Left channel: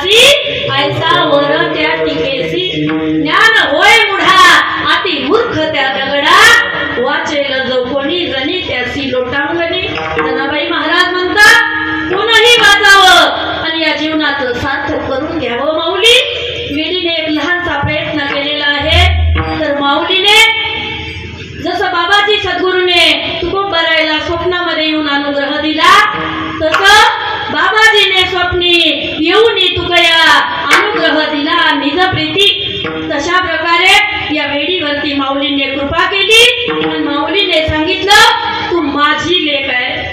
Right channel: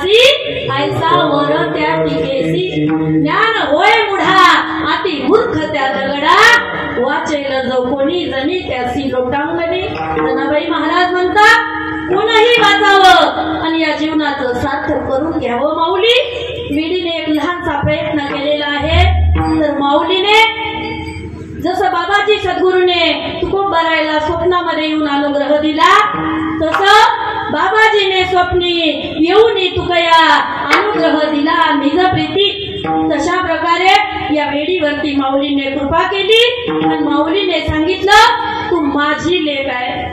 दासी ऐसा वर त्या टिकेसी ज्ञान होय मुढा अति मूर्ख त्या दगडा वाचेल जो कोणी जणी त्यासी लोटांगणी जनाबाई महाराज म्हणतात कोणही वाचावं आणि या जीवनाचं सार्थक करून घ्यावं माऊली वेडीने एक लहानसा प्रयत्न केलेला आहे तर माऊलीने जसं बाबाजी सद्गुरूने तुकोबारायला स्वप्नामध्ये येऊन अनुग्रह दिला तसं बाबाजीने स्वप्नी येऊन तुकया अनुग्रह दिला निज प्रीती तशा प्रकारे या वेडीवरती माऊलीने कृपा केली आणि माऊलीने सांगितलं तू माझी लेक आहे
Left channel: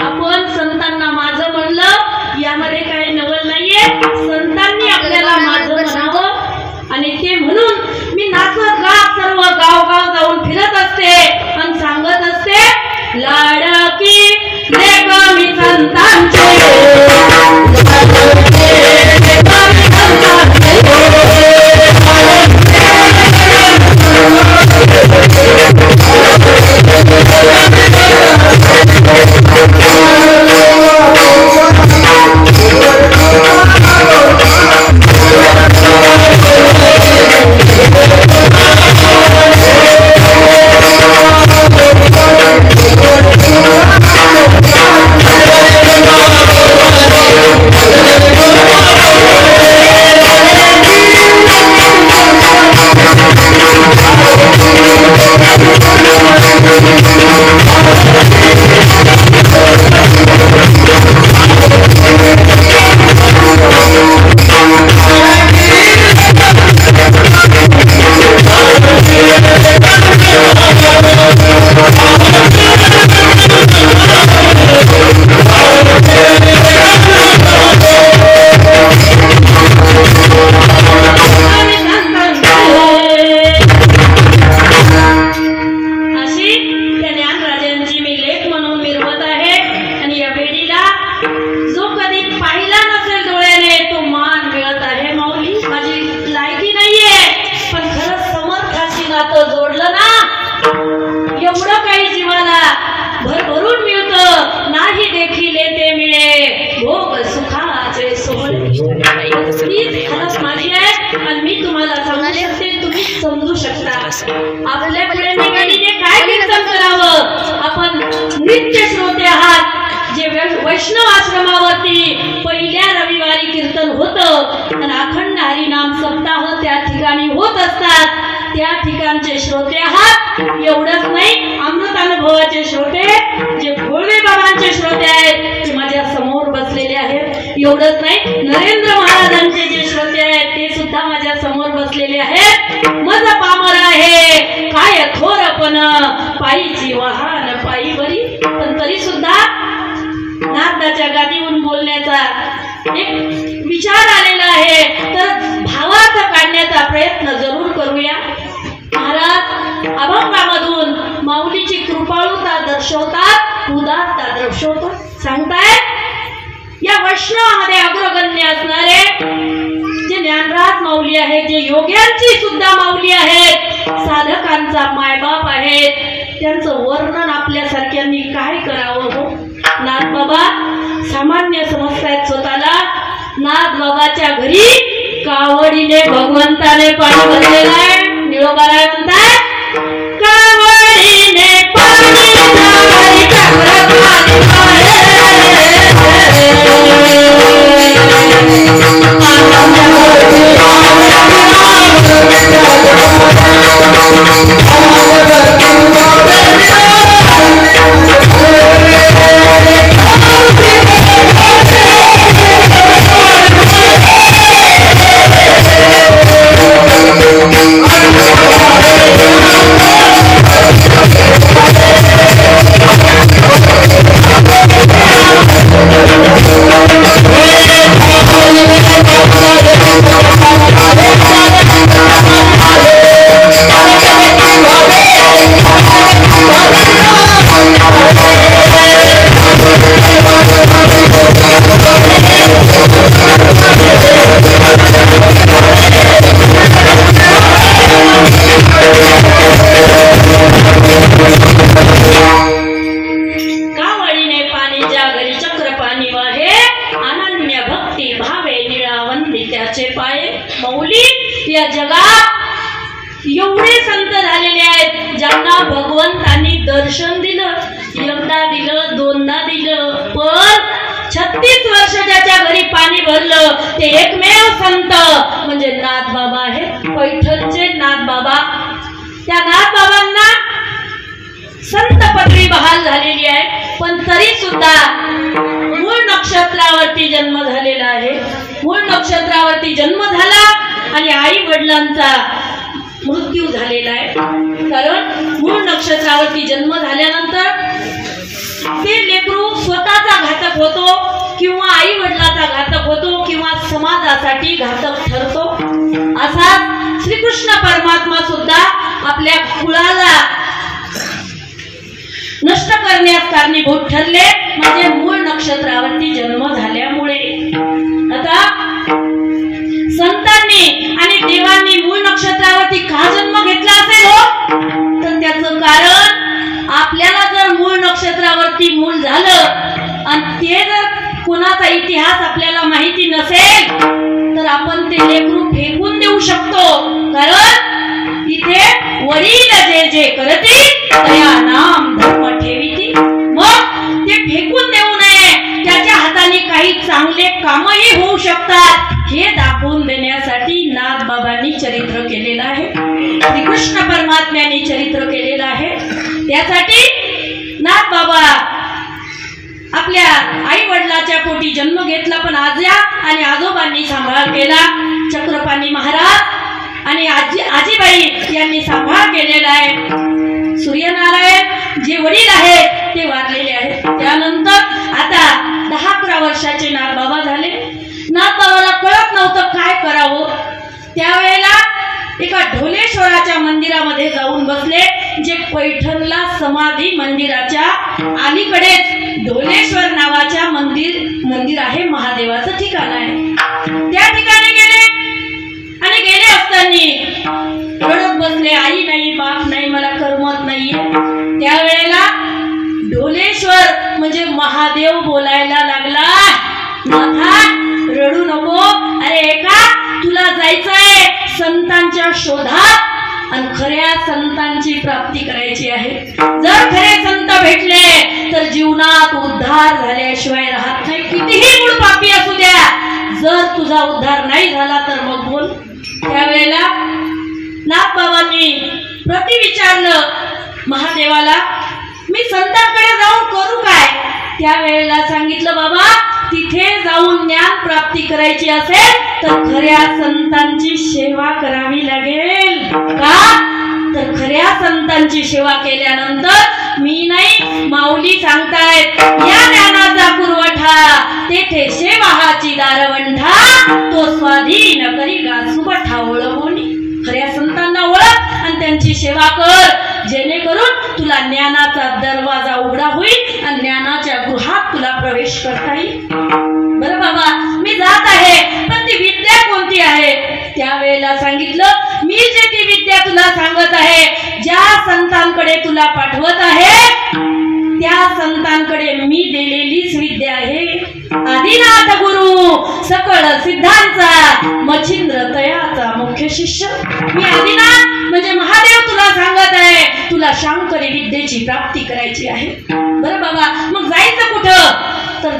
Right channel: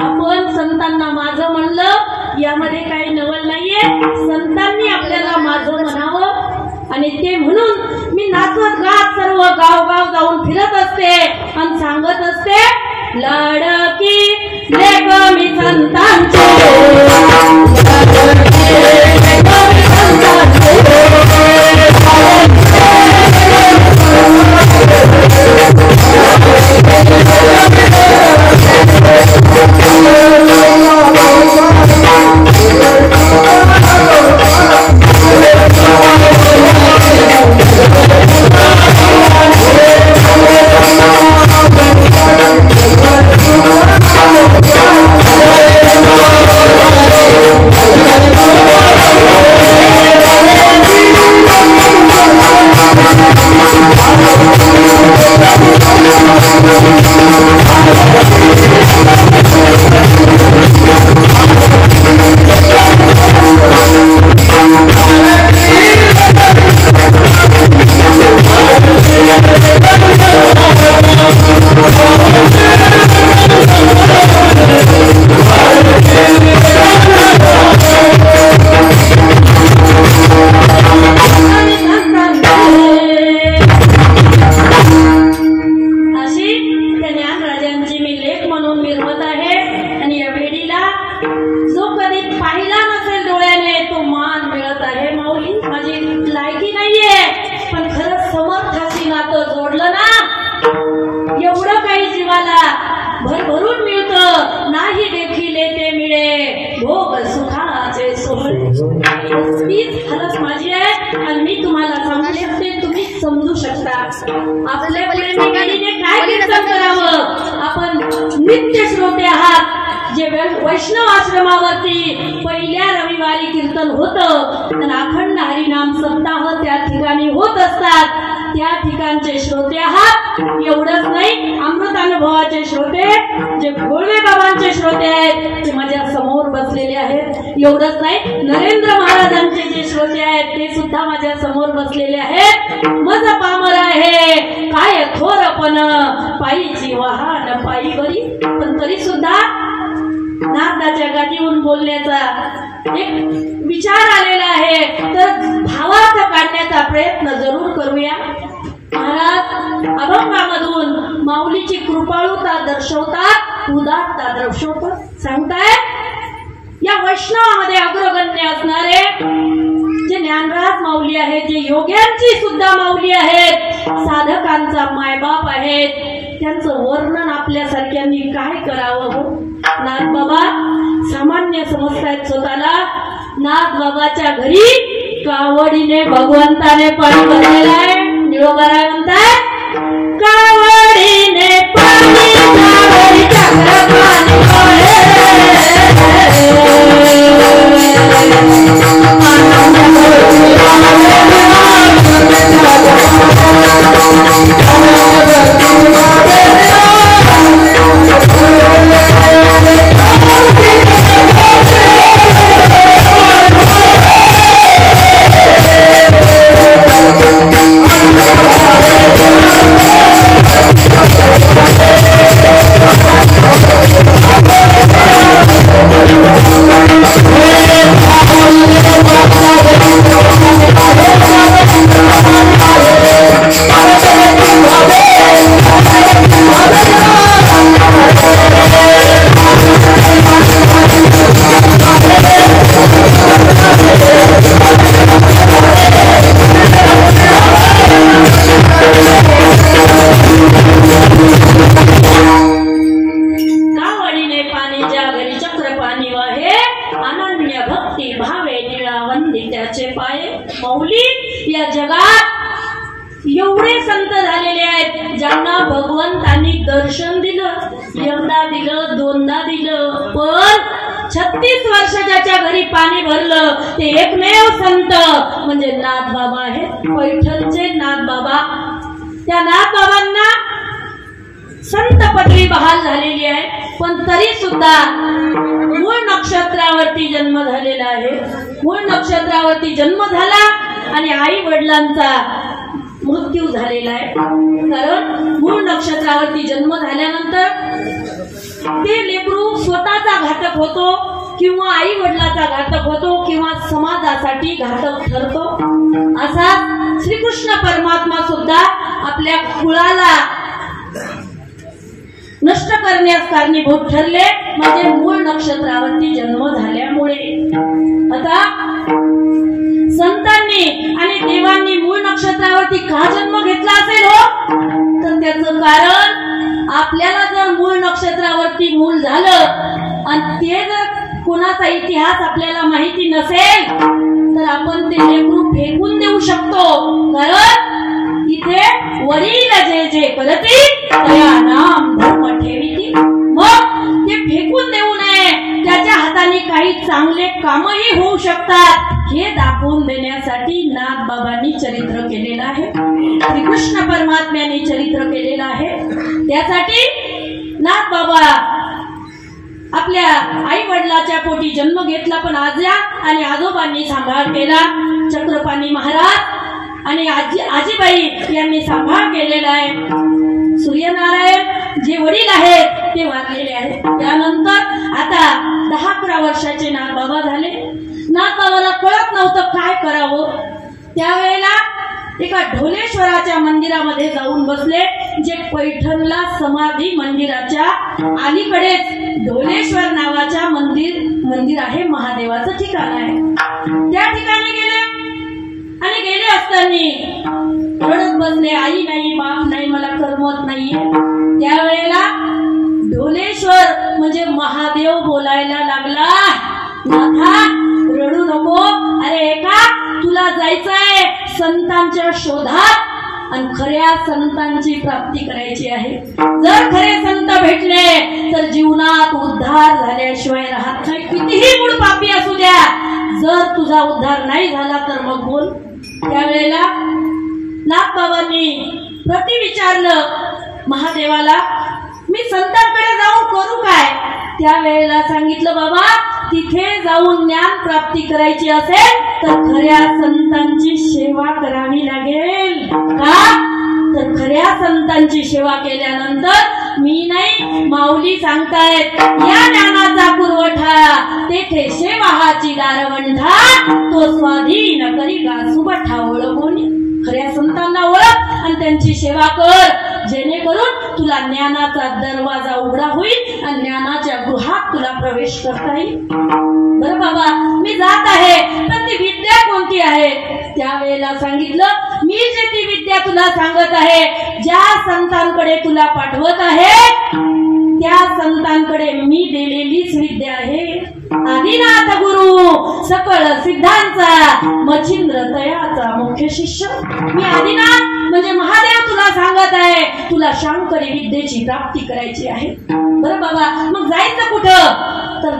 आपण संतांना माझं म्हणलं यामध्ये काही नवल नाहीये संतांनी आपल्याला माझं म्हणावं आणि ते म्हणून मी नाचत गात सर्व गाव जाऊन फिरत असते आणि सांगत असते लाडकी लेक मी संतांचे वैष्णव आश्रमावरती पहिल्या रविवारी कीर्तन होतं आणि अखंड हरिनाम सप्ताह त्या ठिकाणी होत असतात त्या ठिकाणचे श्रोते आहात एवढंच नाही अमृतानुभवाचे श्रोते जे भोळे बाबांचे श्रोते आहेत ते माझ्या समोर बसलेले आहेत एवढंच नाही नरेंद्र महाराजांचे जे श्रोते आहेत ते सुद्धा माझ्या समोर बसलेले आहेत मज पामर आहे काय थोरपण पायीची वाहन पायी बरी पण तरी सुद्धा नाथाच्या गादीवरून बोलण्याचा एक विचार आलेला आहे तर भावार्थ काढण्याचा प्रयत्न जरूर करूया महाराज अभंगामधून माऊलीची कृपाळुता दर्शवतात उदात्तता दर्शवतात सांगतायत या वैष्णवामध्ये अग्रगण्य असणारे जे ज्ञानराज माऊली आहेत जे योग्यांची सुद्धा माऊली आहेत साधकांचा मायबाप आहेत त्यांचं वर्णन आपल्यासारख्यांनी काय करावं हो नाथ बाबा सामान्य समजतायत स्वतःला नाथ बाबाच्या घरी कावडीने भगवंताने पाणी भरलेलं आहे निळोबाराय म्हणतात कावडीने पाणी कावडी चक्र पाणी वंदे ज्याचे पाये माऊली या जगात एवढे संत झालेले आहेत ज्यांना भगवंतांनी दर्शन दिलं, एकदा दिलं, दोनदा दिलं, पण 36 वर्ष ज्याच्या घरी पाणी भरलं ते एकमेव संत म्हणजे नाथ बाबा आहेत, पैठणचे नाथ बाबा. त्या नाथ बाबांना संत पदवी बहाल झालेली आहे, पण तरी सुद्धा मूळ नक्षत्रावरती जन्म झालेला आहे. मूळ नक्षत्रावरती जन्म झाला आणि आई वडिलांचा मृत्यू झालेला आहे. कारण मूळ नक्षत्रावरती जन्म झाल्यानंतर ते लेकरू स्वतःचा घातक होतो किंवा आई वडिलाचा घातक होतो किंवा समाजासाठी घातक ठरतो. असा श्रीकृष्ण परमात्मा सुद्धा आपल्या कुळाला नष्ट करण्यास कारणीभूत ठरले, म्हणजे मूळ नक्षत्रावरती जन्म झाल्यामुळे. आता संतांनी आणि देवांनी मूळ नक्षत्रावरती का जन्म घेतला असेल हो, तर त्याचं कारण आपल्याला जर मूळ नक्षत्रावरती मूळ झालं आणि ते जर कोणाचा इतिहास आपल्याला माहिती नसेल तर आपण ते लेकरू फेकून देऊ शकतो. कारण इथे वडील जे जे करती तया नाम धर्म ठेविती. मग ते फेकून देऊ नये, त्याच्या हाताने काही चांगले कामही होऊ शकतात हे दाखवून देण्यासाठी नाथ बाबांनी चरित्र केलेलं आहे, श्रीकृष्ण परमात्म्याने चरित्र केलेलं आहे. त्यासाठी नाथ बाबा आपल्या आई वडिलाच्या पोटी जन्म घेतला, पण आज्या आणि आजोबांनी सांभाळ केला. चक्रपाणी महाराज आणि आजीबाई यांनी सांभाळ केलेला आहे. सूर्यनारायण जे वडील आहेत ते वारलेले आहेत. त्यानंतर आता 10-11 वर्षाचे नाथ बाबा झाले. नाथ बाबाला कळत नव्हतं काय करावं. त्यावेळेला एका ढोलेश्वराच्या मंदिरामध्ये जाऊन बसले, जे पैठणला समाधी मंदिराच्या अलीकडेच ढोलेश्वर नावाच्या मंदिर आहे, महादेवाचं ठिकाण आहे. त्या ठिकाणी गेले आणि गेले असताना रडत बसले, आई नाही, बाप नाही, मला करमत नाहीये. त्यावेळेला ढोलेश्वर म्हणजे महादेव बोलायला लागला, नाथा रडू नको, अरे एका तुला जायचंय संतांच्या शोधात आणि खऱ्या संतांची प्राप्ती करायची आहे. जर खरे संत भेटले तर जीवनात उद्धार झाल्याशिवाय राहत नाही, कितीही मूळ पापी असू द्या. जर तुझा उद्धार नाही झाला तर मग बोल. त्यावेळेला नाथ बाबांनी प्रति विचारलं महादेवाला, मी संतांकडे जाऊन करू काय? त्यावेळेला सांगितलं, बाबा तिथे जाऊन ज्ञान प्राप्ती करायची असेल तर खऱ्या संतांची सेवा करावी लागेल. का तर खऱ्या संतांची सेवा केल्यानंतर मी नाही, माऊली सांगतायत, या ज्ञानाचा पुरवठा तेथे सेवाहाची दारवंठा, तो स्वाधीन करी गासुबठा ओळखोनी. खऱ्या संतांना ओळख आणि त्यांची सेवा कर, जेणेकरून तुला ज्ञानाचा दरवाजा उघडा होईल आणि ज्ञानाच्या गृहात तुला प्रवेश करता येईल. बरं बाबा मी जात आहे, पण ती विद्या कोणती आहे? त्यावेळेला सांगितलं, मी जे ती विद्या तुला सांगत आहे, ज्या संतांकडे तुला पाठवत आहे त्या संतांकडे मी दिलेलीच विद्या आहे. आदिनाथ गुरु सकळ सिद्धांचा मच्छिंद्र तयाचा मुख्य शिष्य. मी आदिनाथ म्हणजे महादेव तुला सांगत आहे, तुला शांकरी विद्येची प्राप्ती करायची आहे. बरं बाबा मग जायचं कुठं? तर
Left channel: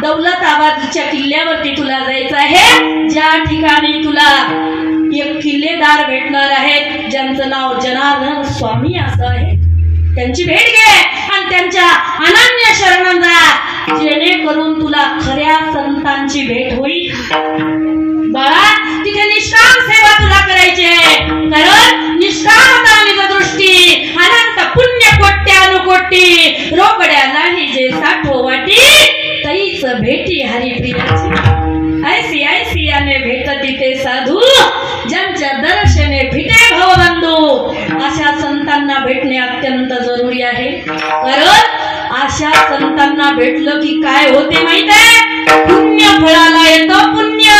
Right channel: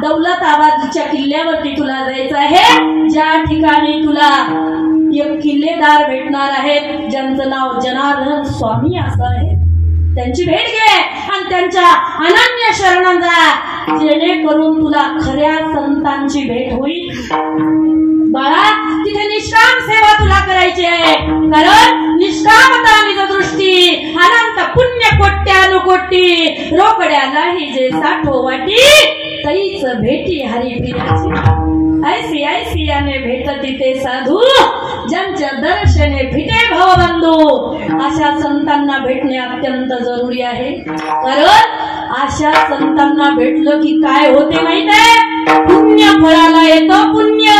दौलताबादच्या किल्ल्यावरती तुला जायचं आहे, ज्या ठिकाणी तुला एक किल्लेदार भेटणार आहेत ज्यांचं नाव जनार्दन स्वामी असं आहे. त्यांची भेट घे आणि त्यांच्या अनन्य शरण जा, जेणेकरून तुला खऱ्या संतांची भेट होईल. बाळा तिथे निष्काम सेवा तुला करायची आहे, कारण निष्कामता निज दृष्टी अनंत पुण्य कोट्यानुकोटी, रोकड्याला ही जे साठो वाटी तैच भेटी हरिप्रियाची. ऐसी ऐसी याने भेटती ते साधू, ज्यांच्या दर्शने फिटे भवबंधू. अशा संतांना भेटणे अत्यंत जरुरी आहे, कारण अशा संतांना भेटलं की काय होते माहित आहे? पुण्य फळाला येतं पुण्य.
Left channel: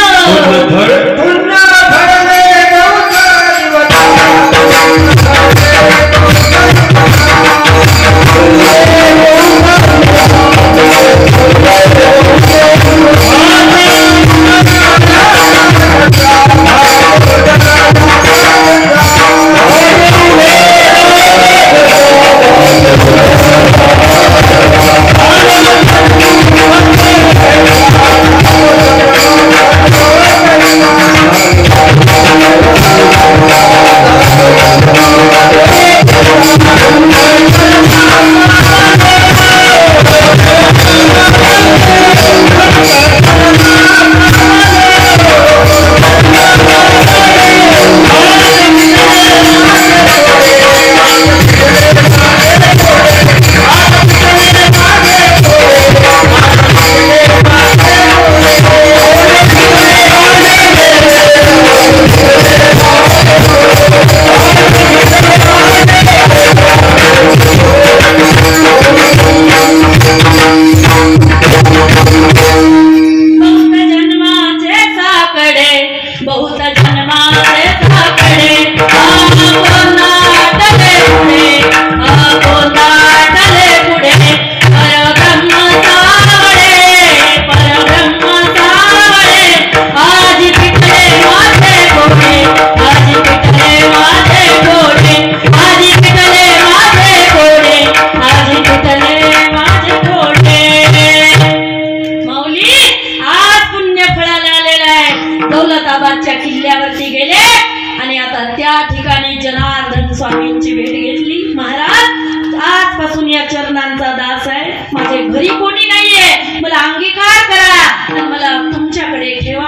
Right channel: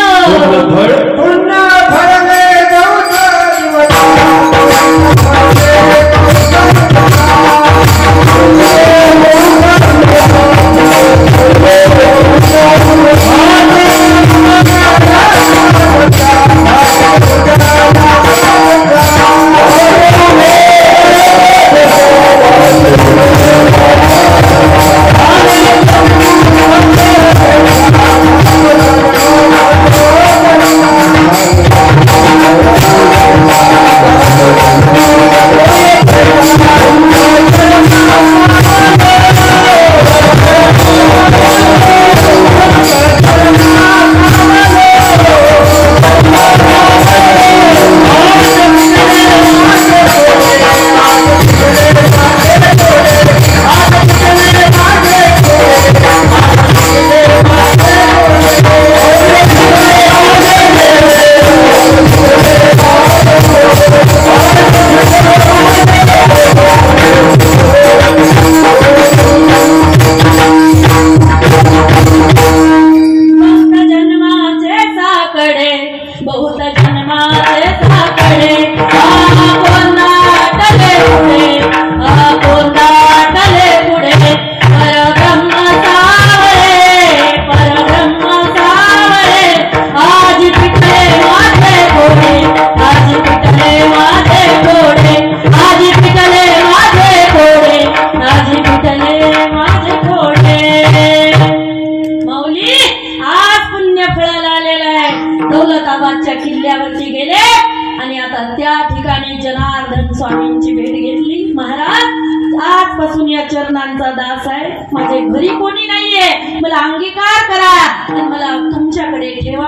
स्वामींची भेट घेतली. महाराज आजपासून या चरणांचा दास आहे. माझ्या घरी कोणी नाहीये, मला अंगीकार करा आणि मला तुमच्याकडे ठेवा.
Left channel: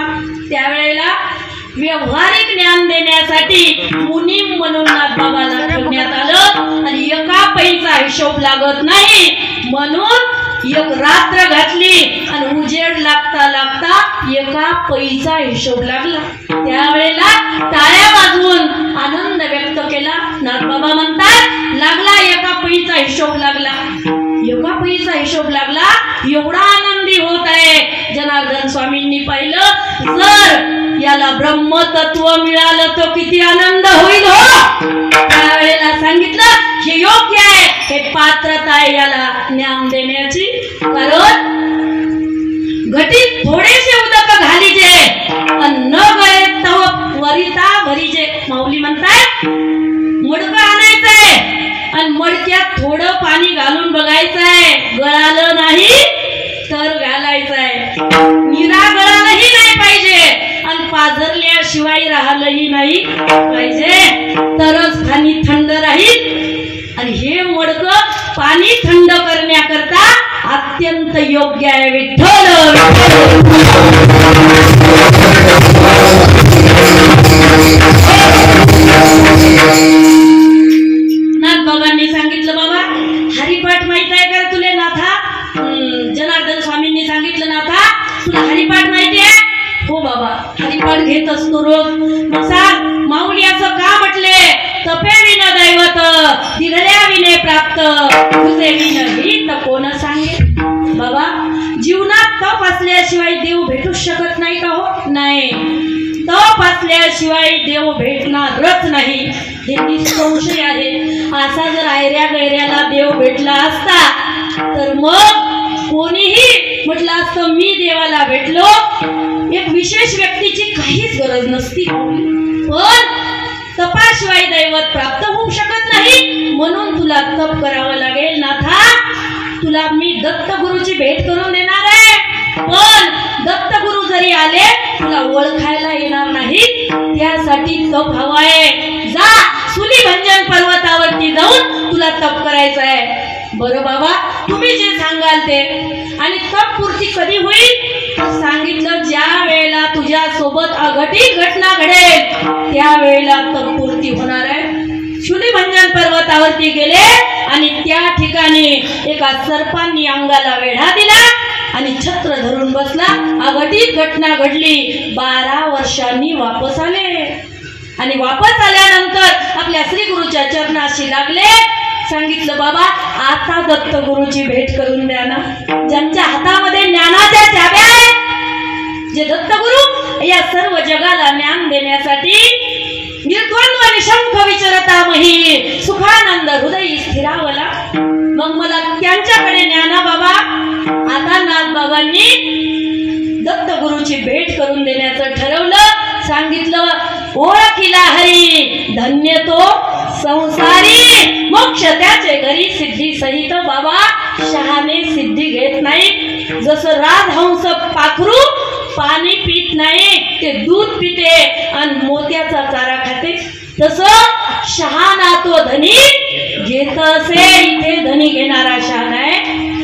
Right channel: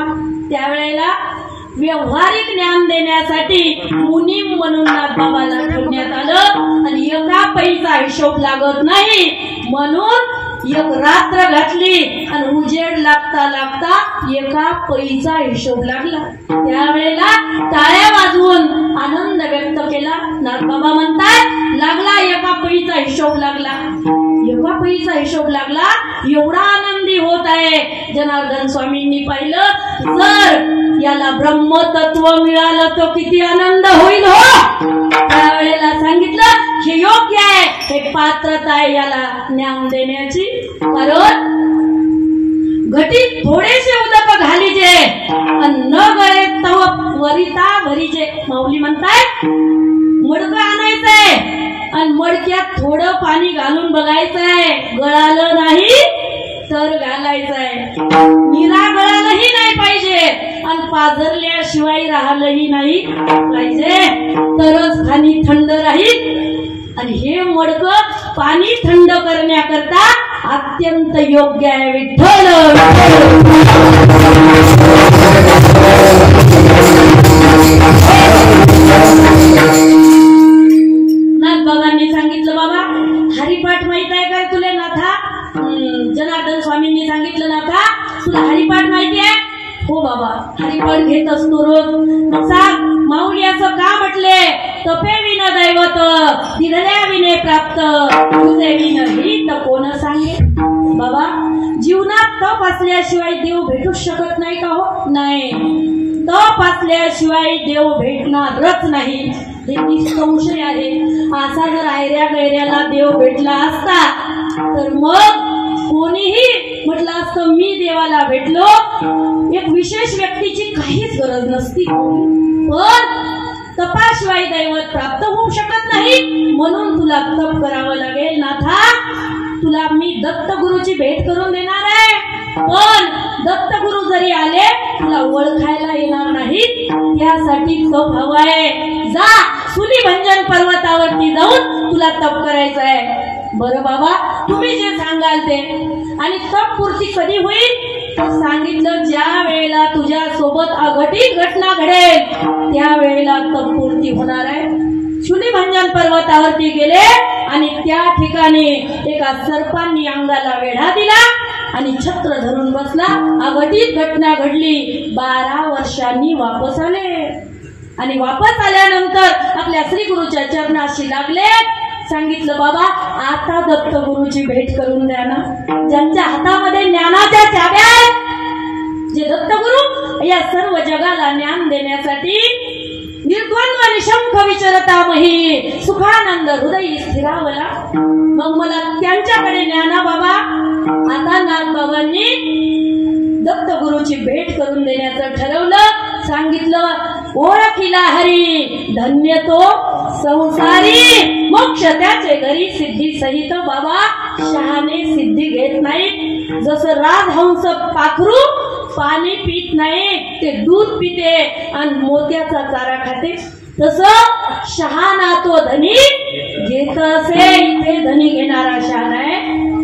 त्यावेळेला व्यवहारिक ज्ञान देण्यासाठी मुनी म्हणून नाथबाबाला ठेवण्यात आलं आणि एका पैसा हिशोब लागत नाही म्हणून एक रात्र घातली आणि उजेड लागता लागता एका पैसा हिशोब लागला. त्यावेळेला टाळ्या वाजवून आनंद व्यक्त केला. नाथबाबा म्हणतात लागला एका पैसा हिशोब लागला. एका पैसा हिशोब लागला, एवढा आनंदी होत आहे. जनार्दन स्वामींनी पाहिलं जर याला ब्रह्मतत्व मिळालं तर किती आनंद होईल हो. त्यावेळेला सांगितलं हे योग्य आहे, हे पात्रता आहे याला ज्ञान देण्याची. कारण घटीत थोडेसे उदक घालीजे न गळे तव वरिता भरीजे. माऊली म्हणतात मडकं आणायचंय आणि मडक्यात थोडं पाणी घालून बघायचंय, गळालं नाही तर घालायचंय. निरा गळालंही नाही पाहिजे आणि पाझरल्याशिवाय राहिलंही नाही पाहिजे, तरच पाणी थंड राहील. आणि हे मडकं पाणी थंड करण्याकरता अत्यंत योग्य आहे. विठ्ठल नाथबाबांनी सांगितलं बाबा हरिपाठ माहित आहे का तुला नाथा. जनार्दन स्वामींनी सांगितलं नाथा तुला हरिपाठ माहिती आहे. हो बाबा हरिपाठ घेत असतो रोज. मग सांग माऊली असं का म्हटले. तपे विन दैवत दिघल्या विने प्राप्त तुझे विन ही तर कोण सांगे. बाबा जीवनात तप असल्याशिवाय देव भेटू शकत नाही का हो. नाही, तप असल्याशिवाय देव भेटणारच नाही हे निसंशय आहे. असा जर आयऱ्या गैऱ्याला देव भेटला असता तर मग कोणीही म्हटलं असतं मी देवाला भेटलो. एक विशेष व्यक्तीची काहीच गरज नसती. पण तपाशिवाय दैवत प्राप्त होऊ शकत नाही म्हणून तुला तप करावं लागेल. नाथा तुला मी दत्तगुरूची भेट करून देणार आहे, पण दत्तगुरू जरी आले तुला ओळखायला येणार नाही. त्यासाठी तप हवा आहे. जा सुलीभंजन पर्वतावरती जाऊन तुला तप करायचं आहे. बरं बाबा तुम्ही जे सांगाल ते. आणि तप पूर्ती कधी होईल तर सांगितलं ज्या वेळेला तुझ्या सोबत अघटित घटना घडेल त्यावेळेला तप पूर्ती होणार आहे. शूलिभंजन पर्वतावरती गेले आणि त्या ठिकाणी एका सर्पांनी अंगाला वेढा दिला आणि छत्र धरून बसला. अघटित घटना घडली. 12 वर्षांनी वापस आले आणि वापस आल्यानंतर आपल्या श्री गुरुच्या चरणाशी लागले. सांगितलं बाबा आता दत्तगुरूची भेट करून द्या ना. ज्यांच्या हातामध्ये ज्ञानाच्या चाव्या आहेत, जे दत्तगुरू या सर्व जगाला ज्ञान देण्यासाठी निर्द्वंद्व निशंक विचरतामही सुखानंद हृदय स्थिरावला. मग मला त्यांच्याकडे न्या ना बाबा. आता नाथबाबांनी दत्तगुरूची भेट करून देण्याचं ठरवलं. सांगितलं ओळखिला हरी धन्य तो संसारी मोक्ष त्याचे घरी सिद्धी सहित. बाबा शहाणे सिद्धी घेत नाही. जसं राजहंस पाखरू पाणी पित नाही, ते दूध पिते आणि मोत्याचा चारा खाते, तसं शहाणा तो धनी घेत असे. इथे धनी घेणारा शहाणा आहे.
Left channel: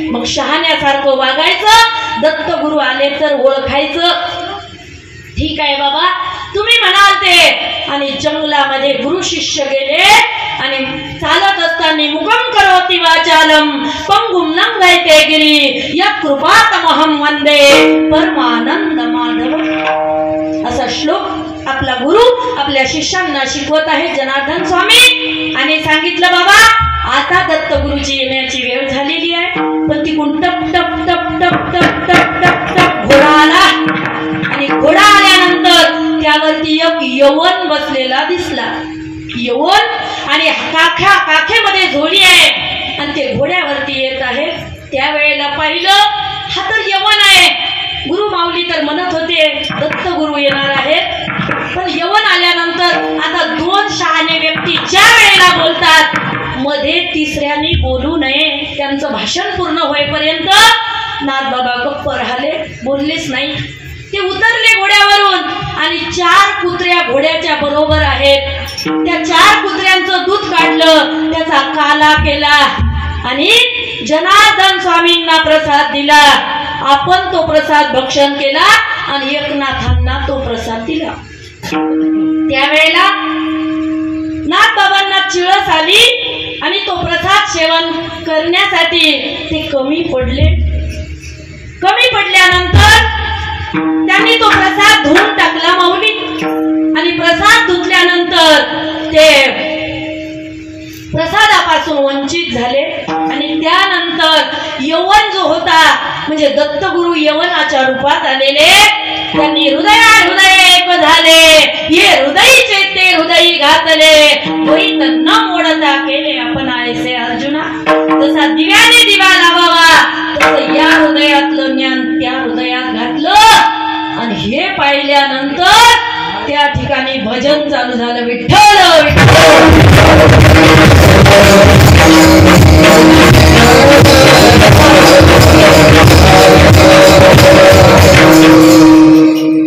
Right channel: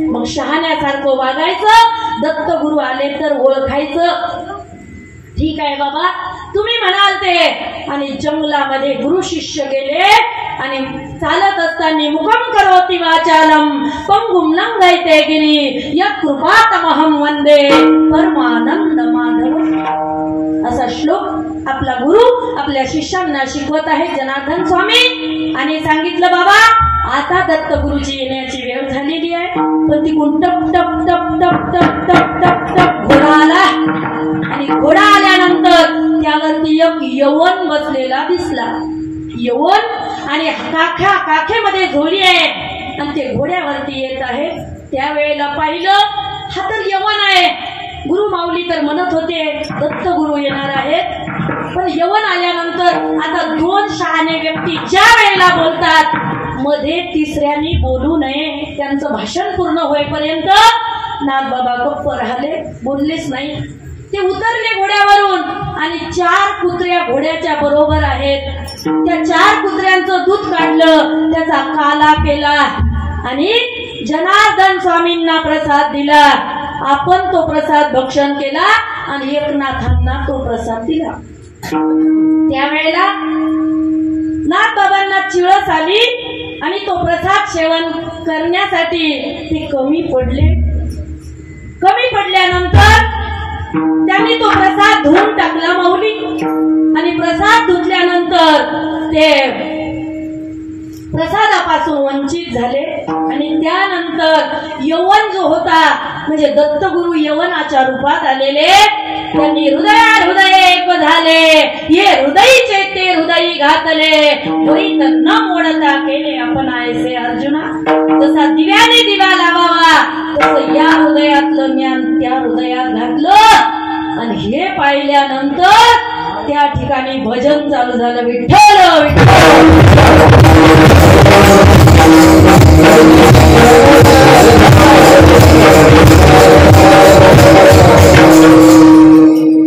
मग शहाण्यासारखं वागायचं. दत्तगुरू आले तर ओळखायचं. ठीक आहे बाबा तुम्ही म्हणाल ते. आणि जंगलामध्ये गुरु शिष्य गेले आणि चालत असताना मुखम करोति वाचालम पंगुम लंघयते गिरी या कृपातमहम वंदे परमानंद माधव. असा श्लोक आपला गुरु आपल्या शिष्यांना शिकवत आहे जनार्दन स्वामी. आणि सांगितलं बाबा आता दत्तगुरूची येण्याची वेळ झालेली आहे. पण तिकडून टप टप टप टप टप टप टप टप घोडा आला. आणि घोडा आल्यानंतर त्यावरती एक यवन बसलेला दिसला. यवन आणि काखेमध्ये झोळी आहे आणि ते घोड्यावरती येत आहे. त्यावेळेला पाहिलं हा तर यवन आहे. गुरु माऊली तर म्हणत होते दत्तगुरू येणार आहेत. पण यवन आल्यानंतर आता 2 शहाणे व्यक्ती ज्या वेळेला बोलतात मध्ये तिसऱ्यानी बोलू नये. त्यांचं भाषण पूर्ण होईपर्यंत नाथबाबा गप्प राहिले, बोललेच नाही. ते उतरले घोड्यावरून आणि 4 कुत्र्या घोड्याच्या बरोबर आहेत. त्या 4 कुत्र्यांचं दूध काढलं, त्याचा काला केला आणि जनार्दन स्वामींना प्रसाद दिला. आपण तो प्रसाद भक्षण केला आणि एकनाथांना तो प्रसाद दिला. त्यावेळेला नाथबाबांना चिळस आली आणि तो प्रसाद सेवन करण्यासाठी ते कमी पडले. कमी पडल्यानंतर त्यांनी तो प्रसाद धुवून टाकला माऊली. आणि प्रसाद धुतल्यानंतर ते प्रसादापासून वंचित झाले. आणि त्यानंतर यवन जो होता म्हणजे दत्तगुरु यवनाच्या रूपात आलेले, त्यांनी हृदय एक झाले, ये हृदयीचे ते हृदयी घातले, होईत न मोडता केले आपण ऐसे अर्जुना. जसा दिव्याने दिवा लावावा तसं या हृदयातलं ज्ञान त्या हृदयात घातलं आणि हे पाहिल्यानंतर त्या ठिकाणी भजन चालू झालं. विठ्ठल विठ्ठल.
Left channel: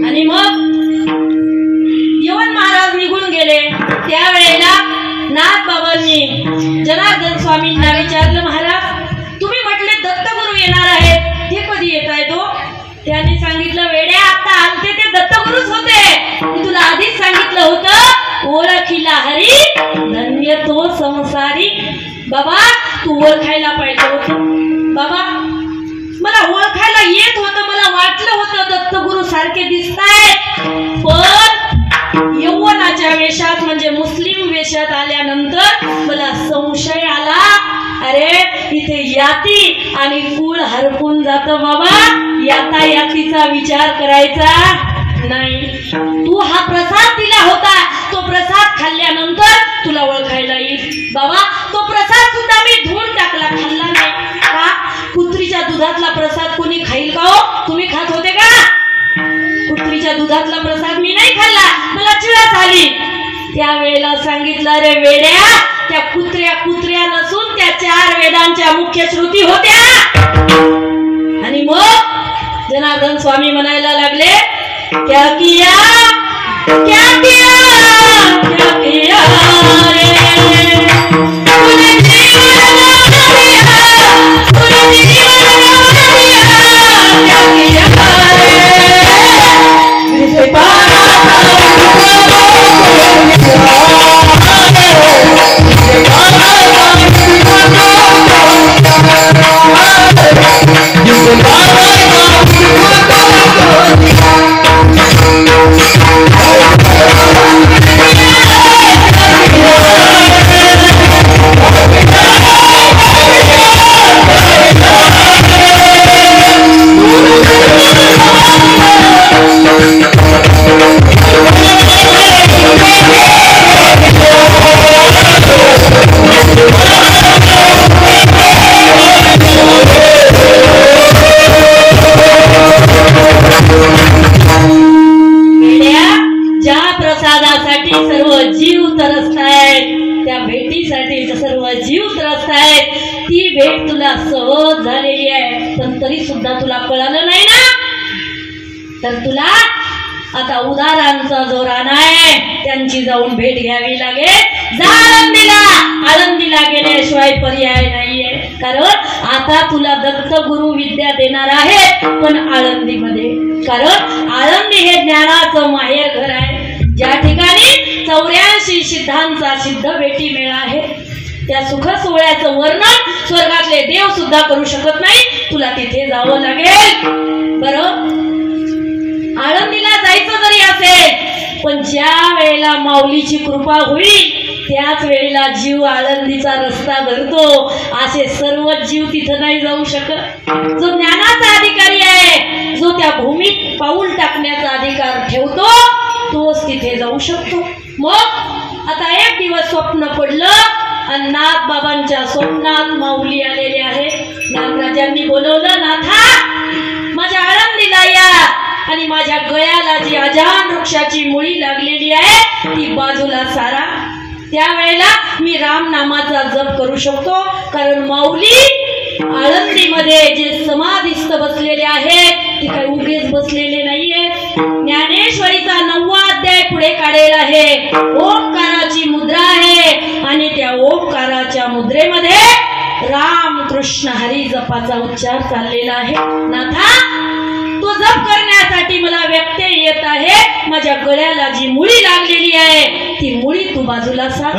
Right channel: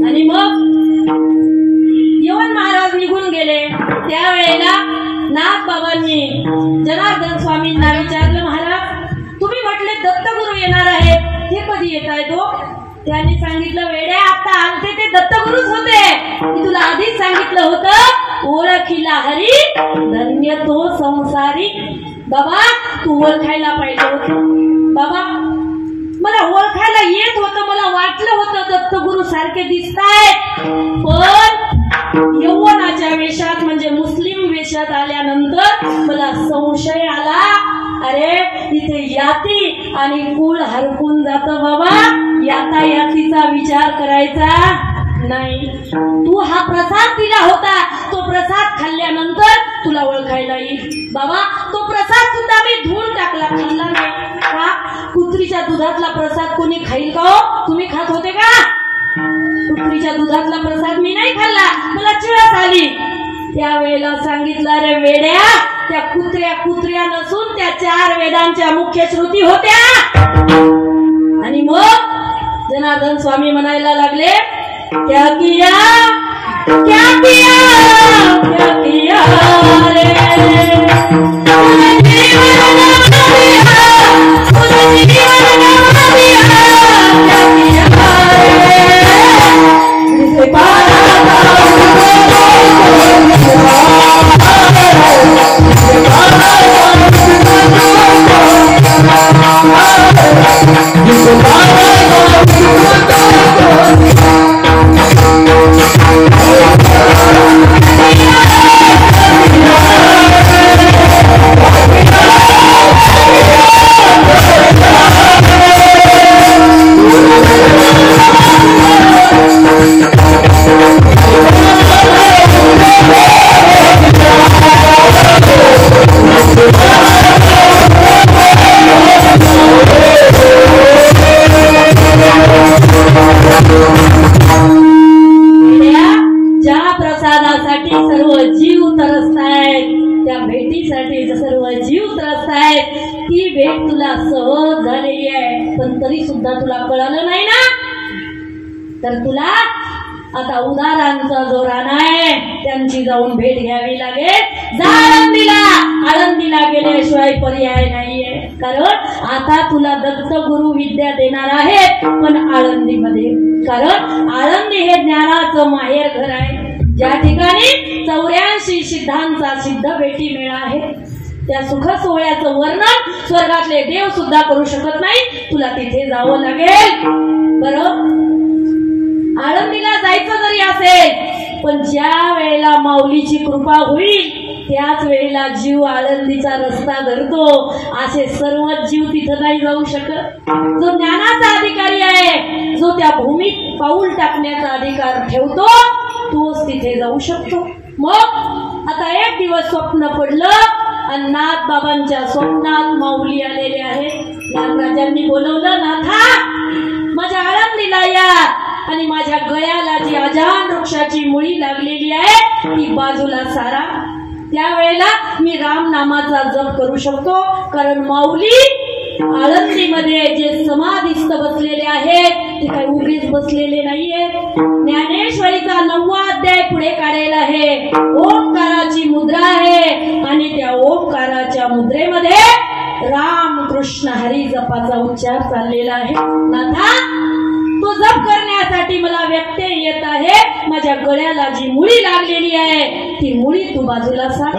आणि मग यवन महाराज निघून गेले. त्यावेळेला नाथबाबांनी जनार्दन स्वामींना विचारलं, महाराज तुम्ही म्हटले दत्तगुरु येणार आहेत, ते कधी येत आहे तो? त्यांनी सांगितलं, वेड्या आता आलते ते दत्तगुरुच होते, मी तुला आधीच सांगितलं होतं, ओळखीला हरी धन्य तो संसारी. बाबा तू ओळखायला पाहिजे होतं. बाबा मला ओळखायला येत होतं, मला वाटलं होतं दत्तगुरु सारखे दिसतायत, पण यौवनाच्या वेशात म्हणजे मुस्लिम वेशात आल्यानंतर मला संशय आला, अरे इथे याती आणि कुळ हरपून जात. बाबा याता यातीचा विचार करायचा नाही. तू हा प्रसाद दिला होता, तो प्रसाद खाल्ल्यानंतर तुला ओळखायला येईल. बाबा तो प्रसाद सुद्धा मी धुवून टाकला, खाल्ला नाही. का? कुत्रीच्या दुधातला प्रसाद कोणी खाईल का हो? तुम्ही खात होते का? कुत्रीच्या दुधातला प्रसाद मी नाही खाल्ला, मला चिळस आली. त्यावेळेला सांगितलं, अरे वेड्या त्या कुत्र्या नसून त्या 4 वेदांच्या मुख्य श्रुती होत्या. आणि मग जनार्दन स्वामी म्हणायला लागले, क्या किया क्या किया क्या किया रे, तूने जीवन लगा दिया, तूने जीवन लगा दिया, क्या किया रे, जिसे पारा सहज झालेली आहे, पण तरी सुद्धा तुला कळालं नाही ना. तर तुला आता उदारांचा जो राणा आहे त्यांची जाऊन भेट घ्यावी लागेल. जा आळंदीला, आळंदीला गेल्याशिवाय पर्याय नाहीये. कारण आता तुला दत्तगुरु विद्या देणार आहेत, पण आळंदीमध्ये. कारण आळंदी हे ज्ञानाचं माहेर घर आहे, ज्या ठिकाणी 84 सिद्धांचा सिद्ध भेटी मेळा आहे. त्या सुख सोहळ्याचं वर्णन स्वर्गातले देव सुद्धा करू शकत नाही, तुला तिथे जावं लागेल. बरं, आळंदीला जायचं जरी असेल, पण ज्या वेळेला माऊलीची कृपा होईल त्याच वेळेला जीव आळंदीचा रस्ता धरतो. असे सर्व जीव तिथं नाही जाऊ शकत. जो ज्ञानाचा अधिकारी आहे, जो त्या भूमीत पाऊल टाकण्याचा अधिकार ठेवतो, तोच तिथे जाऊ शकतो. मग आता एक दिवस स्वप्न पडलं आणि नाथ बाबांच्या स्वप्नात माऊली आलेले आहे. नागराजांनी बोलवलं, नाथा माझ्या आळंदीला या आणि माझ्या गळ्याला जी अजान वृक्षाची मुळी लागलेली आहे ती बाजूला सारा. त्यावेळेला मी राम नामाचा जप करू शकतो. कारण माऊली आळंदीमध्ये जे समाधीस्थ बसलेले आहेत ते काही उगेच बसलेले नाहीये. ज्ञानेश्वरीचा 9वा अध्याय पुढे काढेल आहे. ओंकाराची मुद्रा आहे आणि त्या ओंकाराच्या मुद्रेमध्ये राम कृष्ण हरी जपाचा उच्चार चाललेला आहे. नाथा, तो जप करण्यासाठी मला व्यत्यय येत आहे. माझ्या गळ्याला जी मुळी लागलेली आहे ती मुळी तू बाजूला सार.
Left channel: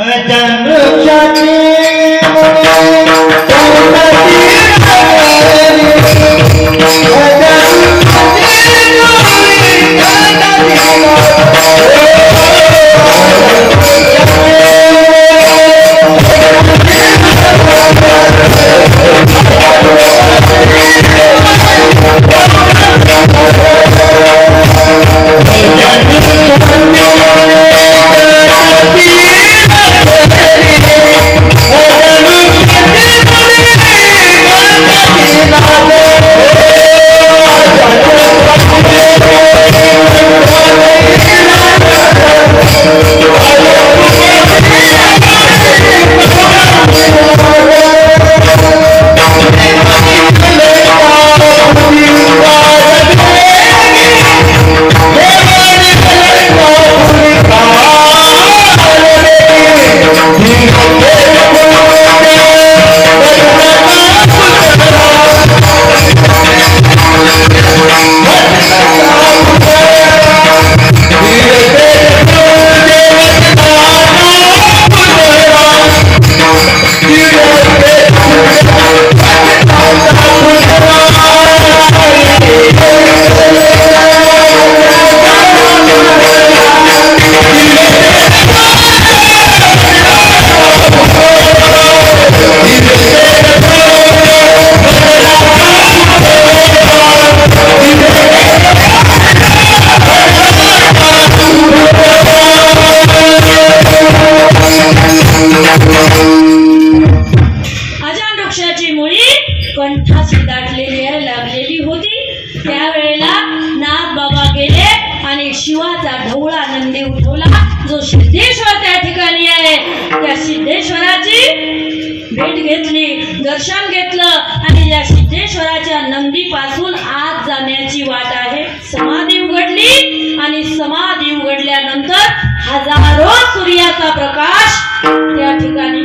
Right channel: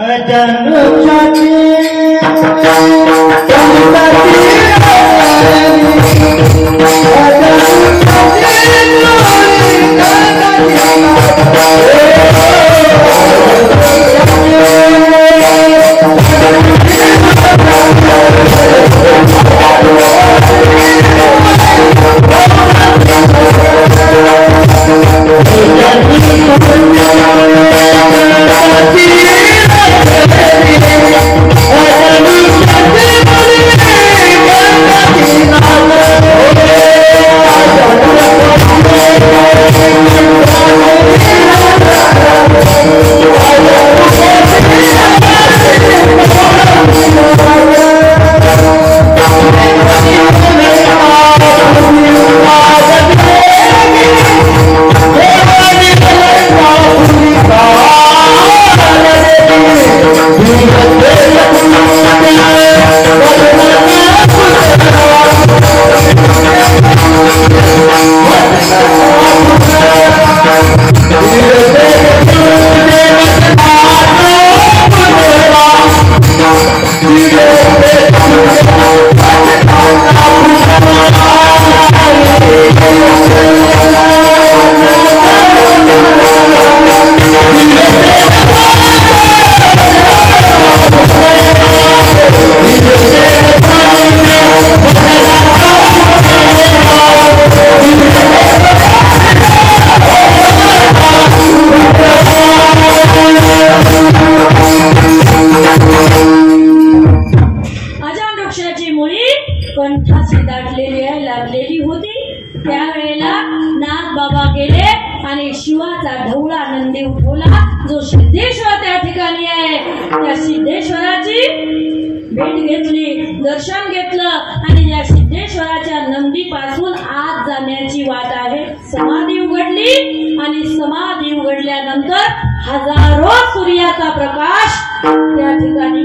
दर्शन घेतलं आणि या सिद्धेश्वराच्या नंदी पासून आत जाण्याची वाट आहे. समाधी उघडली आणि समाधी उघडल्यानंतर हजारो सूर्याचा प्रकाश त्या ठिकाणी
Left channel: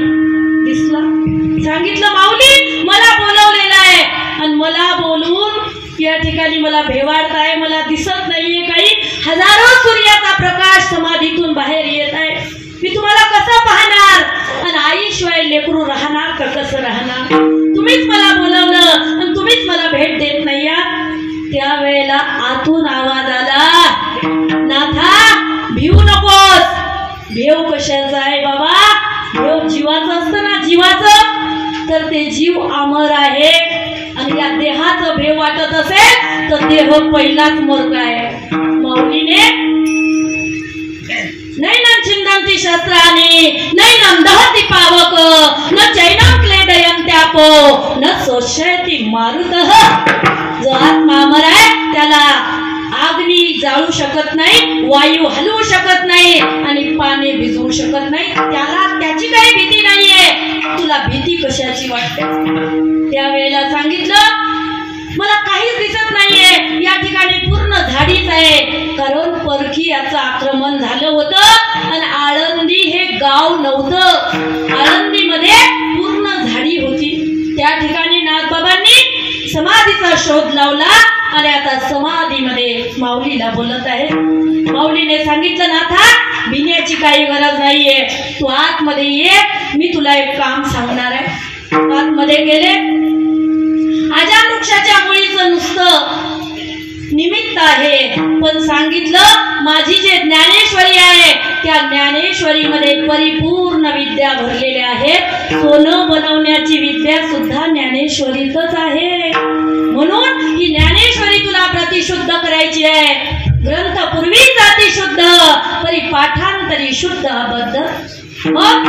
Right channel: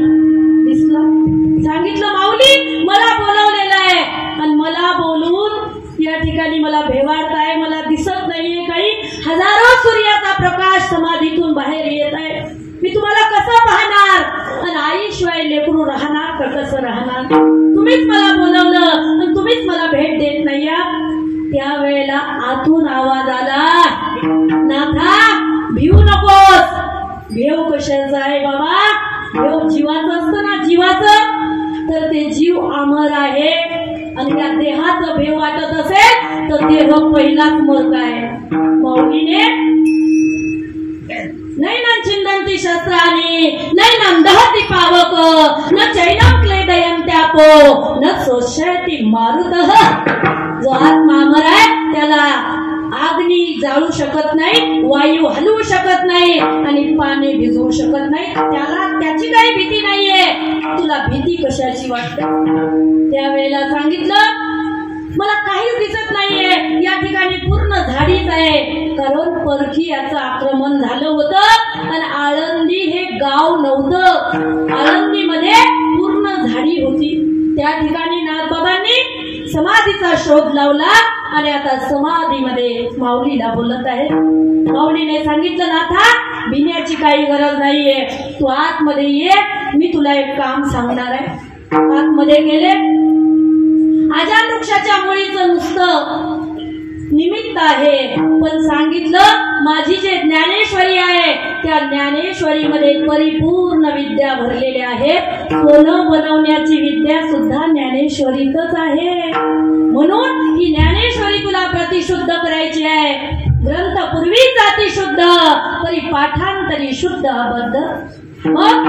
दिसला. सांगितलं, माऊली मला बोलवलेलं आहे आणि मला बोलून या ठिकाणी मला भेवाडताय, मला दिसत नाहीये काही. हजारो सूर्याचा प्रकाश समाधीतून बाहेर येत आहे. मी तुम्हाला कसं पाहणार आणि आईशिवाय लेकरू राहणार का कसं राहणार? तुम्हीच मला बोलवलं आणि तुम्हीच मला भेट देत नाही. त्यावेळेला आतून आवाज आला, नाथा भिवू नकोस. भेव कशाचा आहे बाबा? भेव जीवाचं असतं ना, जीवाचं. तर ते जीव अमर आहे आणि या देहाचं भेव वाटत असेल तर देह पहिलाच मोरका आहे. माऊलीने नैनं छिंदन्ति शस्त्राणि नैनं दहति पावक न चैनं क्लेदयन्त्यापो न शोषयति मारुतः. जो आत्मा अमर आहे त्याला अग्नी जाळू शकत नाही, वायू हलवू शकत नाही आणि पाणी भिजवू शकत नाही. त्याला त्याची काही भीती नाहीये. तुला भीती कशाची वाटते? त्यावेळेला सांगितलं, मला काहीच दिसत नाहीये. या ठिकाणी पूर्ण झाडीच आहे. कारण परकी याचं आक्रमण झालं होतं आणि आळंदी हे गाव नव्हतं. आळंदीमध्ये पूर्ण झाडी होती. त्या ठिकाणी नाथबाबांनी समाधीचा शोध लावला आणि आता समाधीमध्ये माऊलीला बोलत आहे. माऊलीने सांगितलं, नाथा भिण्याची काही गरज नाहीये. तू आतमध्ये ये, मी तुला एक काम सांगणार आहे. आतमध्ये गेले. आजान वृक्षाच्या मुळीचं नुसतं निमित्त आहे, पण सांगितलं माझी जे ज्ञानेश्वरी आहे त्या ज्ञानेश्वरीमध्ये परिपूर्ण विद्या भरलेल्या आहेत. सोनं बनवण्याची विद्या सुद्धा ज्ञानेश्वरीतच आहे. म्हणून ही ज्ञानेश्वरी तुला प्रतिशुद्ध करायची आहे. ग्रंथ पूर्वी जाती शुद्ध, परी पाठांतरी शुद्ध अबद्ध. मग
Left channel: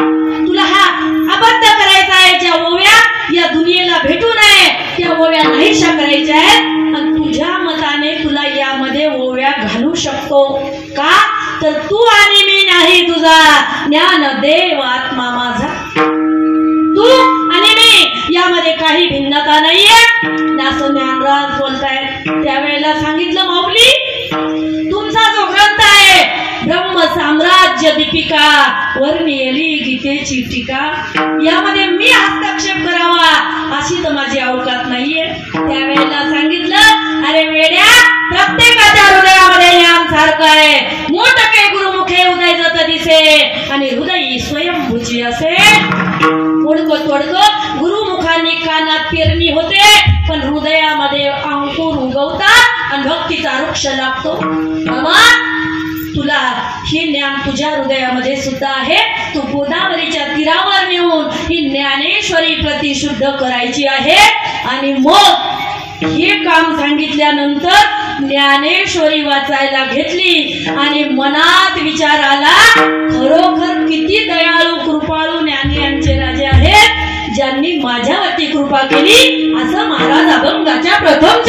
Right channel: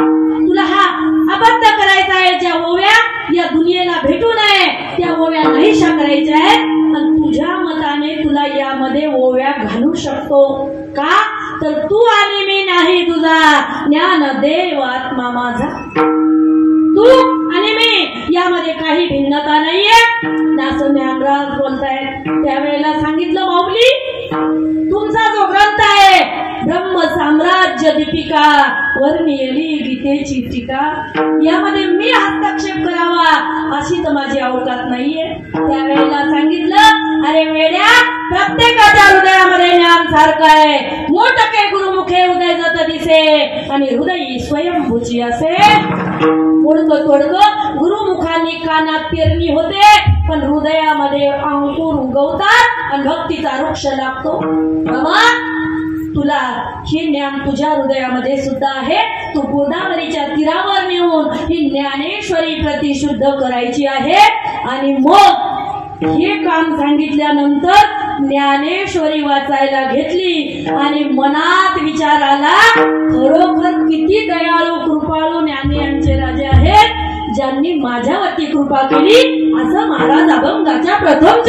तुला हा अबद्ध करायचा आहे. ज्या ओव्या या दुनियेला भेटू नये त्या ओव्या नाहीशा करायच्या आहेत. आणि तुझ्या मताने तुला यामध्ये ओव्या घालू शकतो का? तर तू आणि मी नाही, तुझा ज्ञानदेव आत्मा माझा. तू आणि मी यामध्ये काही भिन्नता नाहीये. असं ज्ञानराज बोलतायत. त्यावेळेला ब्रह्म साम्राज्य दीपिका वर्णियली गीतेची टीका यामध्ये मी हस्तक्षेप करावा अशी तर माझी अवकात नाहीये. त्यावेळेला सांगितलं अरे वेड्या प्रत्येकाच्या हृदयामध्ये ज्ञान सारखं आहे. मोठके गुरुमुखे उदय जत दिसे आणि हृदय स्वयंभूची असे. तोडकं गुरुमुखांनी कानात पेरणी होते पण हृदयामध्ये अंकुर उगवतात आणि भक्तीचा वृक्ष लागतो. बाबा तुला हे ज्ञान तुझ्या हृदयामध्ये सुद्धा आहे. तू गोदावरीच्या तीरावर नेऊन ही ज्ञानेश्वरी प्रतिशुद्ध करायची आहे. आणि मग हे काम सांगितल्यानंतर ज्ञानेश्वरी वाचायला घेतली आणि मनात विचार आला खरोखर किती दयाळू कृपाळू ज्ञानी यांचे राजे आहेत ज्यांनी माझ्यावरती कृपा केली असं महाराज अभंगाच्या प्रथम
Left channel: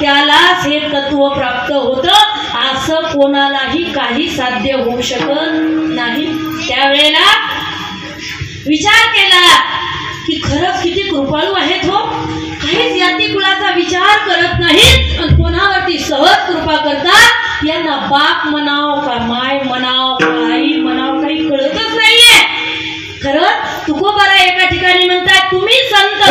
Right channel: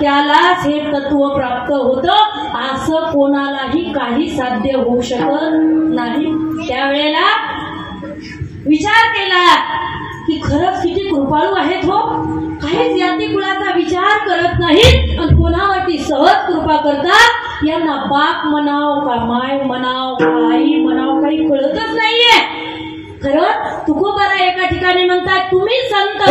त्यालाच हे तत्व प्राप्त होतं असं कोणालाही काही साध्य होऊ शकत नाही. त्यावेळेला विचार केला की खरंच किती कृपाळू आहेत हो. काहीच जाती कुलाचा विचार करत नाहीत आणि कोणावरती सहज कृपा करतात. यांना बाप म्हणाव का माय म्हणाव का आई म्हणाव काही कळतच नाहीये. खरंच तुकोबारा एका ठिकाणी म्हणतात तुम्ही संत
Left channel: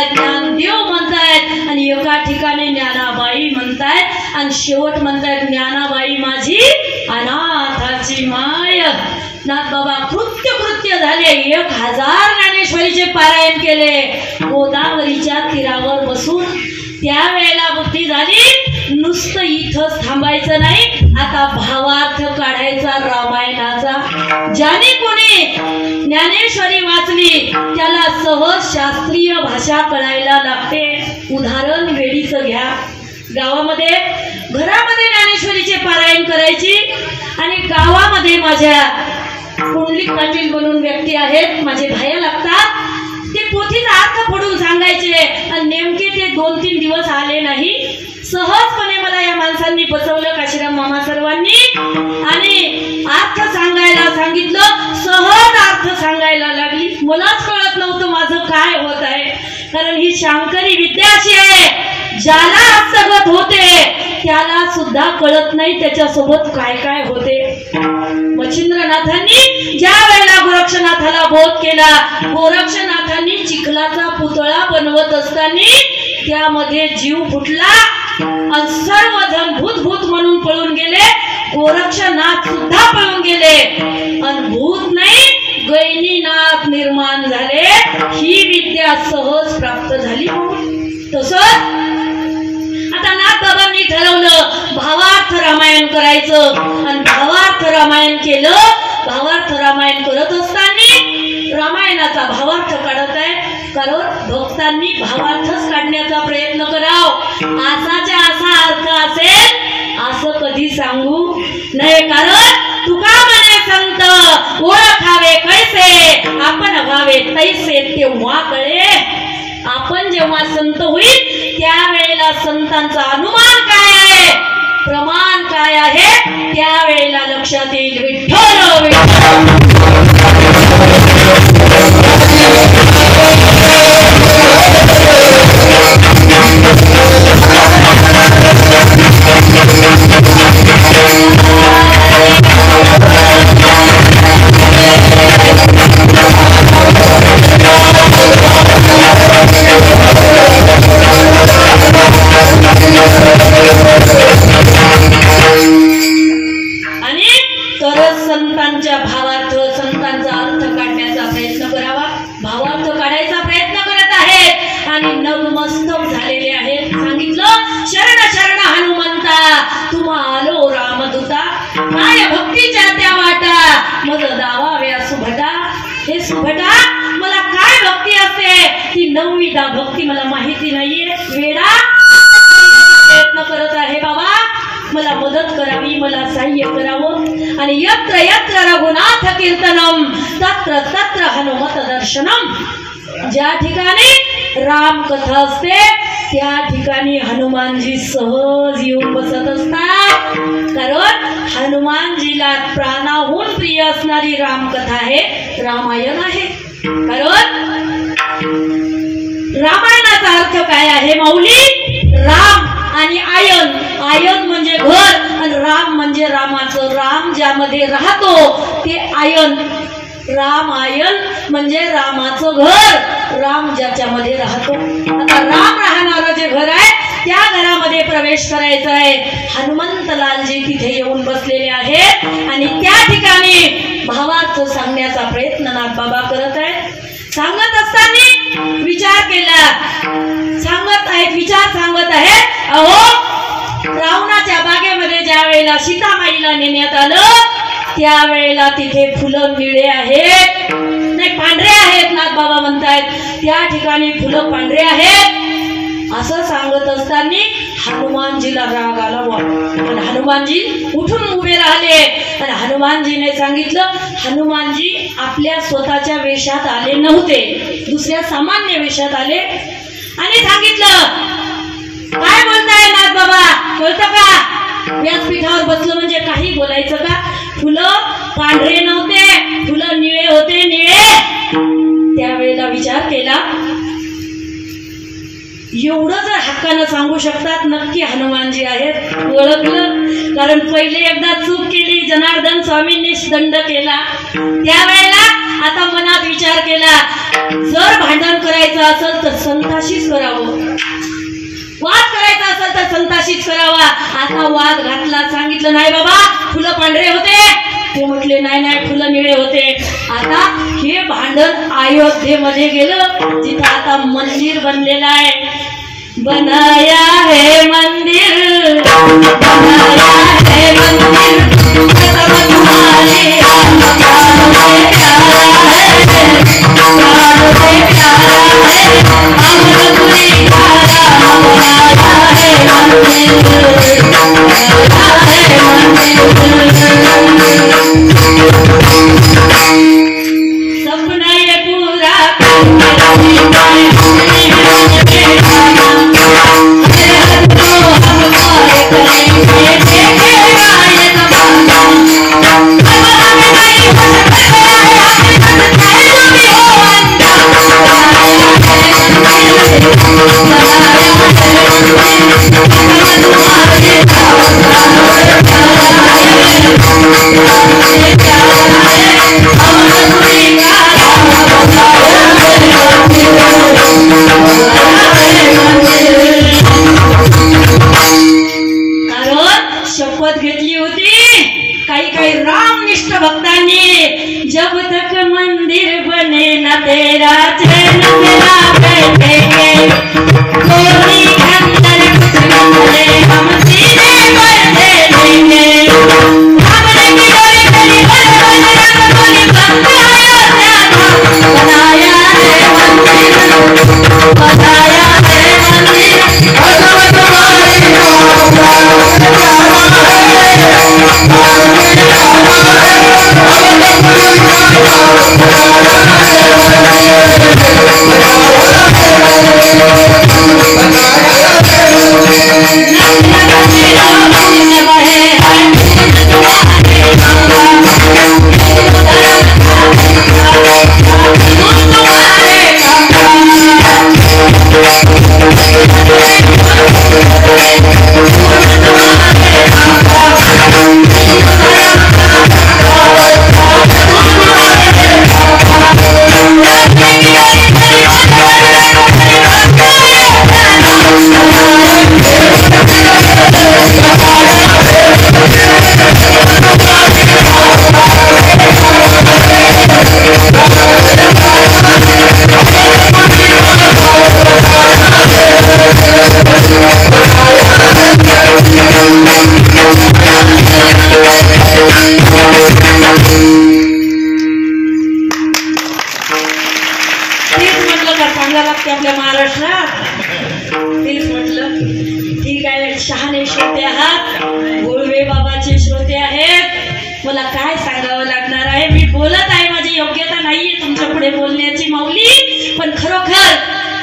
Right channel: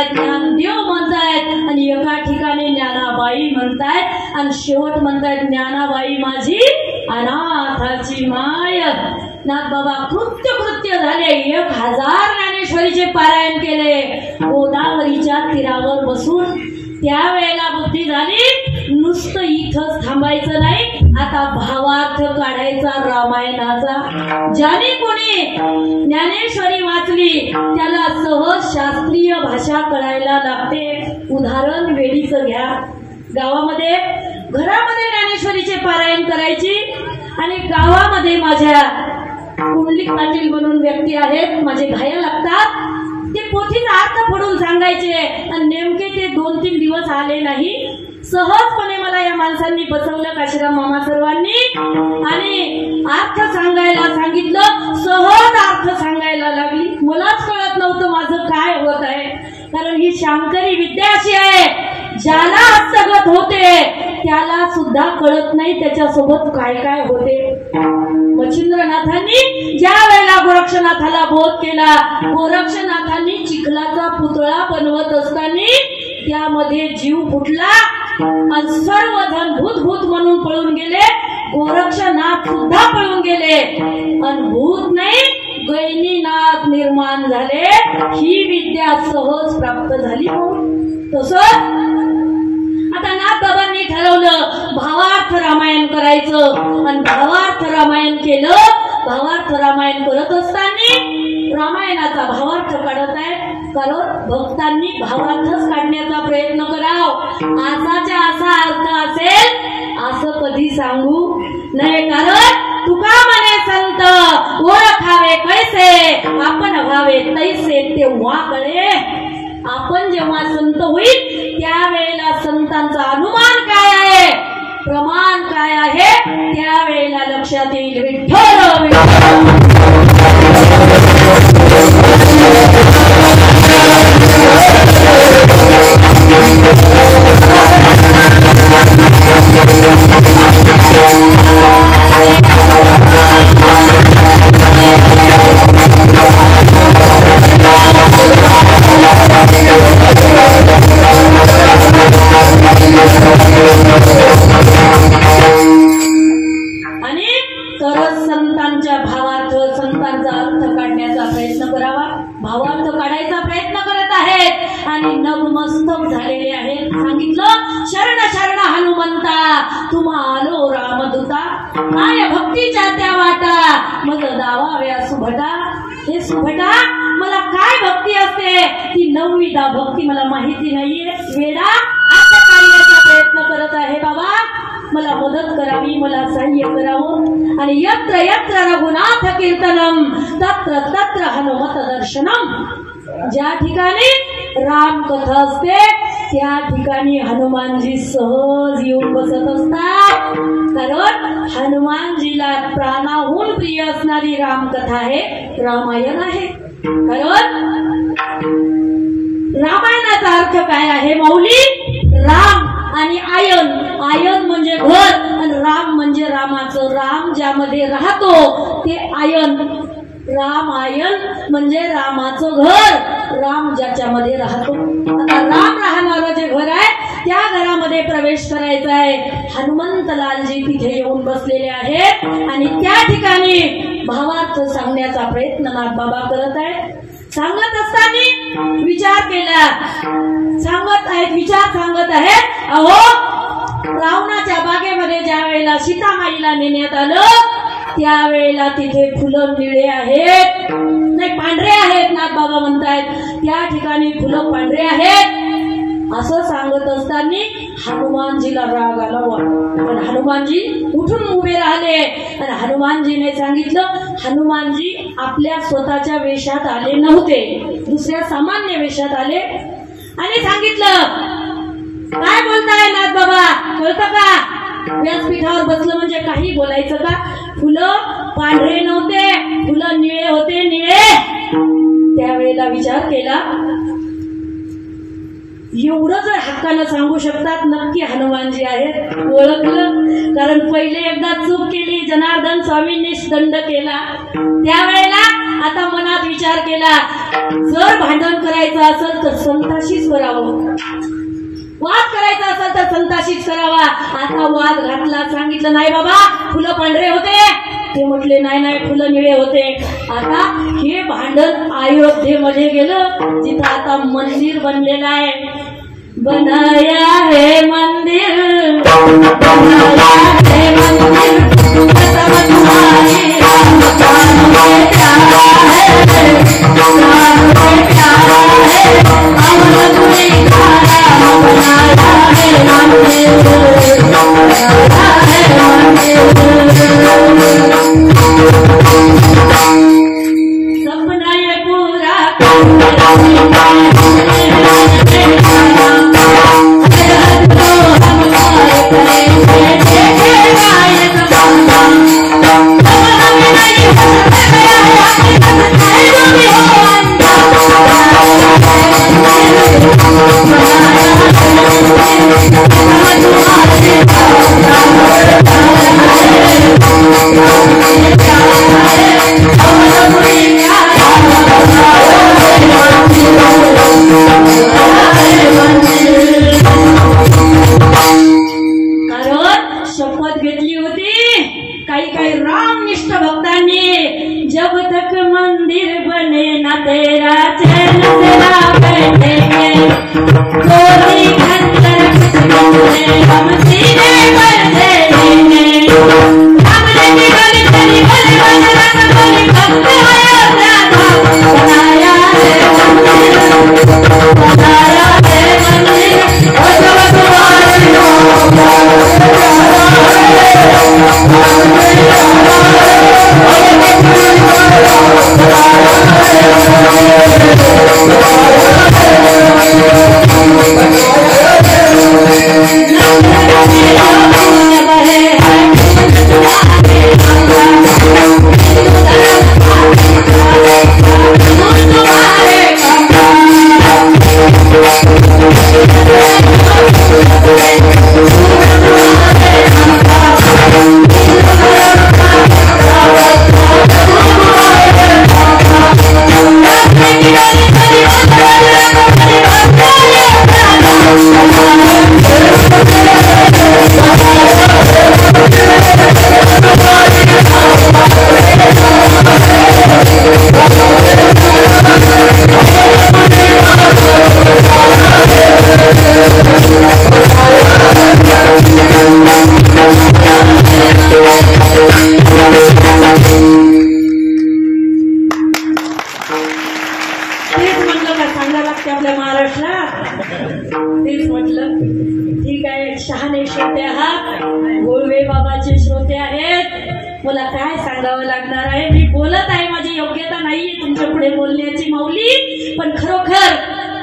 म्हणतायत, ज्ञानदेव म्हणतायत, आणि एका ठिकाणी ज्ञानाबाई म्हणतायत, आणि शेवट म्हणतायत ज्ञानाबाई माझी अनाथाची माय. नाथबाबा कृत्य झाले. 1000 ज्ञानेश्वरीचे पारायण केले. गोदावरीच्या तीरावर बसून त्यावेळेला बुद्धी झाली, नुसतं इथंच थांबायचं नाही, आता भावार्थ काढायचा रामायणाचा. ज्याने कोणी ज्ञानेश्वरी वाचली त्याला सहज शास्त्रीय भाषा कळायला लागते. उदाहरण वेळीचं घ्या. गावामध्ये घरामध्ये ज्ञानेश्वरीचे पारायण करायची, आणि गावामध्ये माझ्या कुंडलिक पाटील म्हणून व्यक्ती आहेत, माझे भाया लागतात, ते पोथीचा अर्थ पडून सांगायचे, आणि नेमके ते 2-3 दिवस आले नाही. सहजपणे मला या माणसांनी बसवलं, काशीराम मामा सर्वांनी, आणि अर्थ सांगायला सांगितलं. सहज अर्थ सांगायला लागली. मलाच कळत नव्हतं माझं काय होत आहे, कारण ही शांकरी विद्या अशी आहे, ज्याला हस्तगत होते त्याला सुद्धा कळत नाही त्याच्यासोबत काय काय होते. मच्छिंद्रनाथांनी ज्या वेळेला गोरक्षनाथाला बोध केला, गोरक्षनाथांनी चिखलाचा पुतळा बनवत असताना त्यामध्ये जीव फुटला, आणि सर्वजण भूत भूत म्हणून पळून गेले. गोरक्षनाथ सुद्धा पळून गेले, आणि भूत नाही गैनीनाथ निर्माण झाले. ही विद्या सहज प्राप्त झाली. तसंच आता नाथबाबांनी ठरवलं भावार्थ रामायण करायचं, आणि भावार्थ रामायण केलं. भावार्थ रामायण करत असताना रामायणाचा भावार्थ काढत आहे, कारण भक्तांनी भावार्थच काढण्याचा प्रयत्न करावा. असाच्या असा अर्थ असेल असं कधी सांगू नये, कारण तुका म्हणे संत ओळखावे कैसे, आपण व्हावे तैसे तेव्हा कळे. आपण जेव्हा संत होईल त्यावेळेला संतांचा अनुमान काय आहे, प्रमाण काय आहे, त्यावेळेला लक्षात येईल. विठ्ठल विठ्ठल. नवविधा भक्ती मला माहिती नाहीये. वेडा करण्याचा प्रयत्न करत आहे. बाबा मला मदत करावी, मला सहाय्य करावं. आणि यत्र यत्र रघुनाथ कीर्तनम तत्र तत्र हनुमत दर्शनम. ज्या ठिकाणी राम कथा असते त्या ठिकाणी हनुमानजी सहज येऊन बसत असतात, कारण हनुमानजीला प्राणाहून प्रिय असणारी रामकथा आहे, रामायण आहे. कारण रामायणाचा अर्थ काय आहे माऊली? राम आणि आयन. आयन म्हणजे घर आणि राम म्हणजे रामाचं. राम ज्यामध्ये राहतो ते आयन. राम आयन म्हणजे रामाचं घर, राम ज्याच्यामध्ये राहतो. आता राम राहणारं जे घर आहे त्या घरामध्ये प्रवेश करायचा आहे. हनुमंतलालजी तिथे येऊन बसलेले आहेत आणि त्या ठिकाणी भावार्थ सांगण्याचा प्रयत्न नाथबाबा करत आहेत. सांगत असताना विचार केला, विचार सांगत आहेत. अहो रावणाच्या बागेमध्ये ज्या वेळेला सीतामाईला नेण्यात आलं त्यावेळेला तिथे फुलं निळे आहेत, नाही पांढरे आहेत. नाथबाबा म्हणतायत त्या ठिकाणी फुलं पांढरे आहेत. असं सांगत असताना हनुमानजीला राग आला. पण हनुमानजी उठून उभे राहिले आणि हनुमानजीने सांगितलं. हनुमानजी आपल्या स्वतःच्या वेशात आले नव्हते, दुसऱ्या सामान्य वेशात आले आणि सांगितलं, काय बोलताय नाथबाबा, कळतं का? व्यासपीठावर बसलं म्हणजे काही बोलायचं का? फुलं पांढरे नव्हते, फुलं निळे होते, निळे. त्यावेळेला विचार केला, एवढं जर हक्कानं सांगू शकतात नक्की हनुमानजी आहेत. ओळखलं, कारण पहिले एकदा चूक केली, जनार्दन स्वामींनी दंड केला. त्यावेळेला आता मनात विचार केला, जर भांडण करायचं असेल तर संताशीच करावं, वाद करायचा असेल तर संताशीच करावा. आता वाद घातला, सांगितलं नाही बाबा फुलं पांढरे होते, ते म्हटले नाही नाही फुलं निळे होते. आता हे भांडण अयोध्येमध्ये गेलं, जिथं आता मंदिर बनलेलं आहे. बनाया है मंदिर, बनाया है मंदिर, तुम्हारे सपना ये पूरा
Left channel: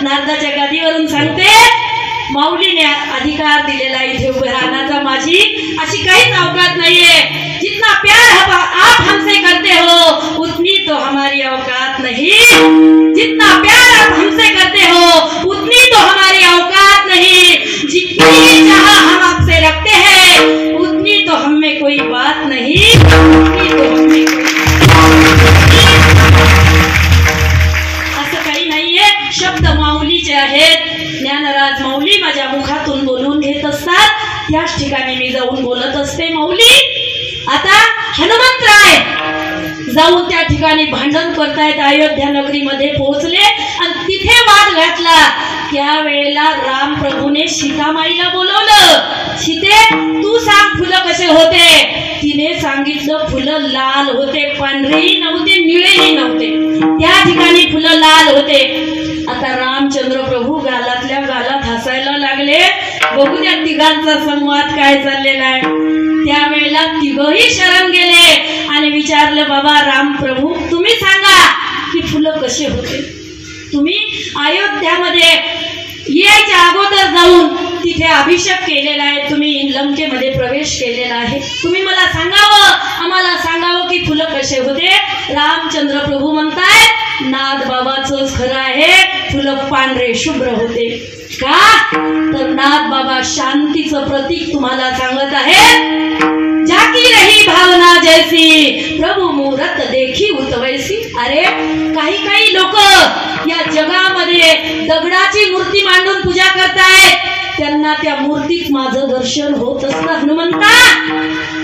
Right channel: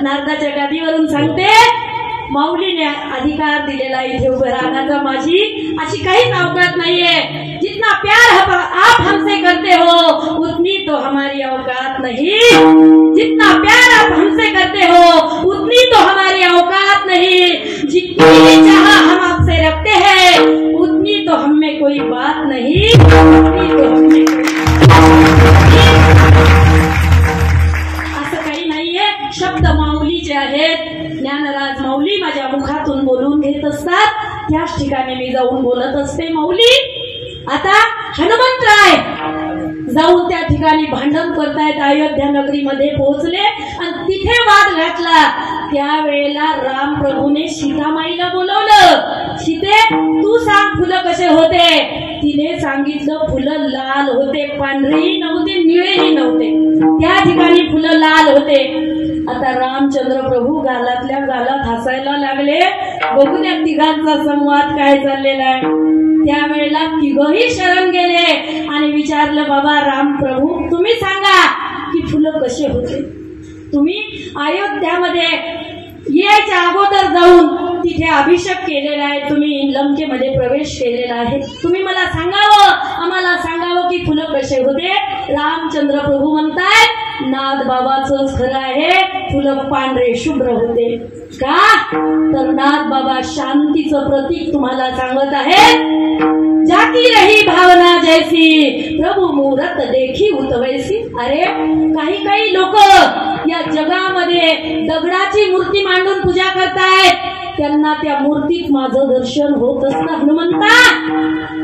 नारदाच्या गादीवरून सांगते, माऊलीने अधिकार दिलेला इथे उभं राहण्याचा माझी अशी काहीच औकात नाहीये. जितना प्यार आप हमसे करते हो उतनी तो हमारी औकात नहीं, जितना प्यार आप हमसे करते हो उतनी तो हमारी औकात नहीं, जितनी चाह हम आपसे रखते हैं उतनी तो हम में कोई बात नहीं, उतनी तो हम में कोई असं काही नाहीये. शब्द माऊलीचे आहेत. ज्ञानराज माऊली माझ्या मुखातून बोलून घेत असतात, त्याच ठिकाणी मी जाऊन बोलत असते. माऊली आता हनुमंतराय जाऊन त्या ठिकाणी भांडण करतायत. अयोध्या नगरीमध्ये पोहोचले आणि तिथे वाद घातला. त्यावेळेला राम प्रभूने सीतामाईला बोलवलं. सीते तू सांग फुलं कसे होते. तिने सांगितलं फुलं लाल होते, पांढरेही नव्हते, निळेही नव्हते. त्या ठिकाणी फुलं लाल होते. आता रामचंद्र प्रभू गालातल्या गालात हसायला लागले. बघू त्या तिघांचा संवाद काय चाललेला आहे. त्यावेळेला तिघही शरण गेले आणि विचारलं, बाबा राम प्रभू तुम्ही सांगा की फुलं कसे होते. तुम्ही अयोध्यामध्ये यायच्या अगोदर जाऊन तिथे अभिषेक केलेला आहे, तुम्ही लंकेमध्ये प्रवेश केलेला आहे. तुम्ही मला सांगावं, आम्हाला सांगावं की फुलं कसे होते. रामचंद्र प्रभू म्हणतायत नाथ बाबाचं खरं आहे, फुलं पांढरे शुभ्र होते. का तर नाथ बाबा शांतीचं प्रतीक तुम्हाला सांगत आहेत. ज्या जाकी रही भावना जैसी प्रभु मूरत देखी उतवैसी। अरे काही काही लोक या जगामध्ये दगडाची मूर्ती मांडून पूजा करतायत, त्यांना त्या मूर्तीत माझं दर्शन होत असतं हनुमंता।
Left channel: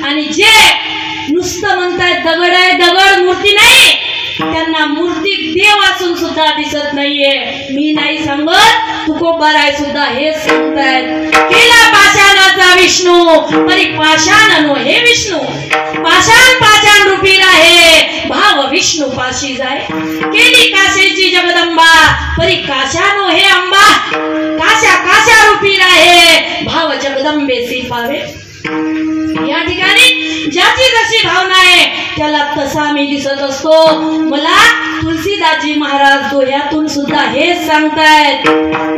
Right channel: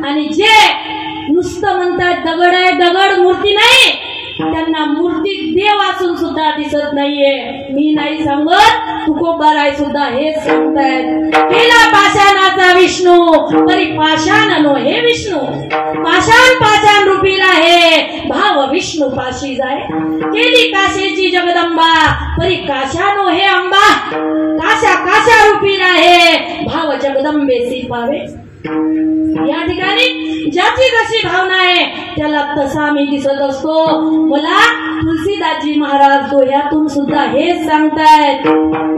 आणि जे नुसतं म्हणतायत दगड आहे दगड मूर्ती नाही, त्यांना मूर्ती देव असून सुद्धा दिसत नाहीये। मी नाही सांगत, तुकोबाराय सुद्धा हेच सांगतायत, केला पाषाणाचा विष्णू परी पाषाण नो हे विष्णू, पाषाण पाषाण रूपी आहे भाव विष्णू पाशी जाय। केली काशेची जगदंबा परी काशा नो हे अंबा, काशा काशा रूपी आहे भाव जगदंबेसी पावे। या ठिकाणी ज्याची जशी भावना आहे त्याला तसा मी दिसत असतो। मला तुलसीदासजी महाराज दोह्यातून सुद्धा हेच सांगतायत,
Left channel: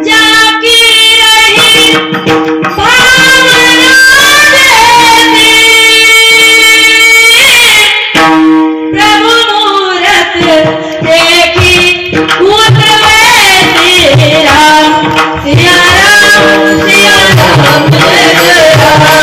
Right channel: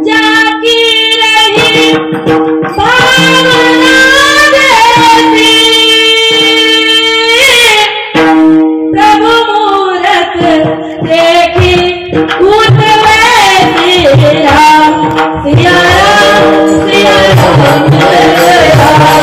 जाकी रही भावना जैसी प्रभु मूरत देखी उतवैसी। राम सिया राम सिया राम जय जय राम।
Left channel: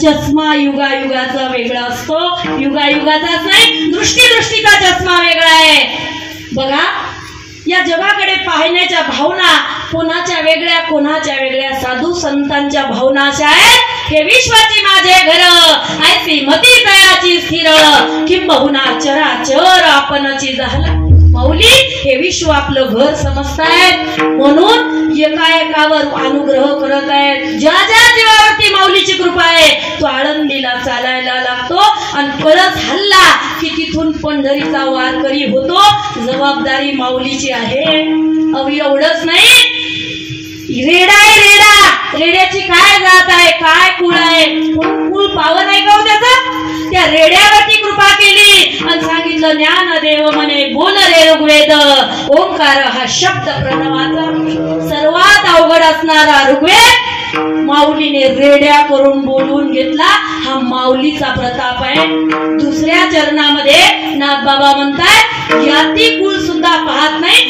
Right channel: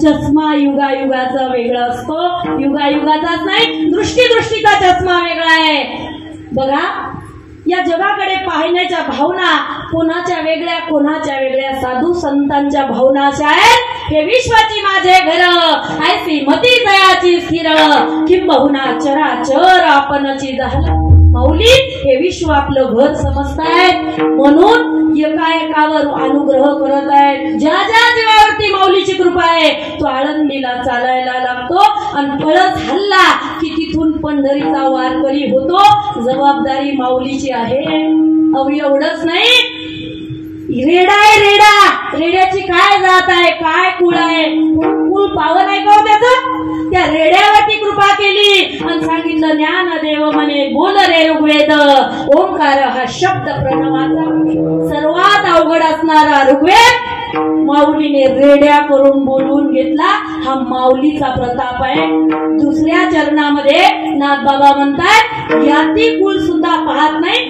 चष्मा युगायुगाचा वेगळा असतो, युगायुगाचाच नाही, दृष्टीचा चष्मा वेगळा आहे। बघा या जगाकडे पाहण्याच्या भावना कोणाच्या वेगळ्या, साधू संतांच्या भावना अशा आहेत, हे विश्वाची माझे घर ऐसी मती दयाची स्थिर, किंबहुना चराचर आपणची झाला। माऊली हे विश्व आपलं घर समजतायत, म्हणून एकाएकावर अनुग्रह करत आहेत। ज्या ज्या जीवावरती माऊलीची कृपा आहे तो आळंदीला चालायला लागतो आणि परत हल्ला की तिथून पंढरीचा वारकरी होतो। जबाबदारी माऊलीची आहे। अवि एवढंच नाही, रेडा आहे रेडा, रेड्याची काय जात आहे, काय कुळ आहे, कुळ पावन आहे का त्याचं? त्या रेड्यावरती कृपा केली आणि सांगितलं ज्ञानदेव म्हणे बोल रे ऋग्वेद, ओंकार हा शब्द प्रणवाचा सर्वात अवघड असणारा ऋग्वेद माऊलीने रेड्या करून बोलून घेतला। हा माऊलीचा प्रताप आहे। दुसऱ्या चरणामध्ये नाथबाबा म्हणतात, याती कुळ सुद्धा पाहत नाही,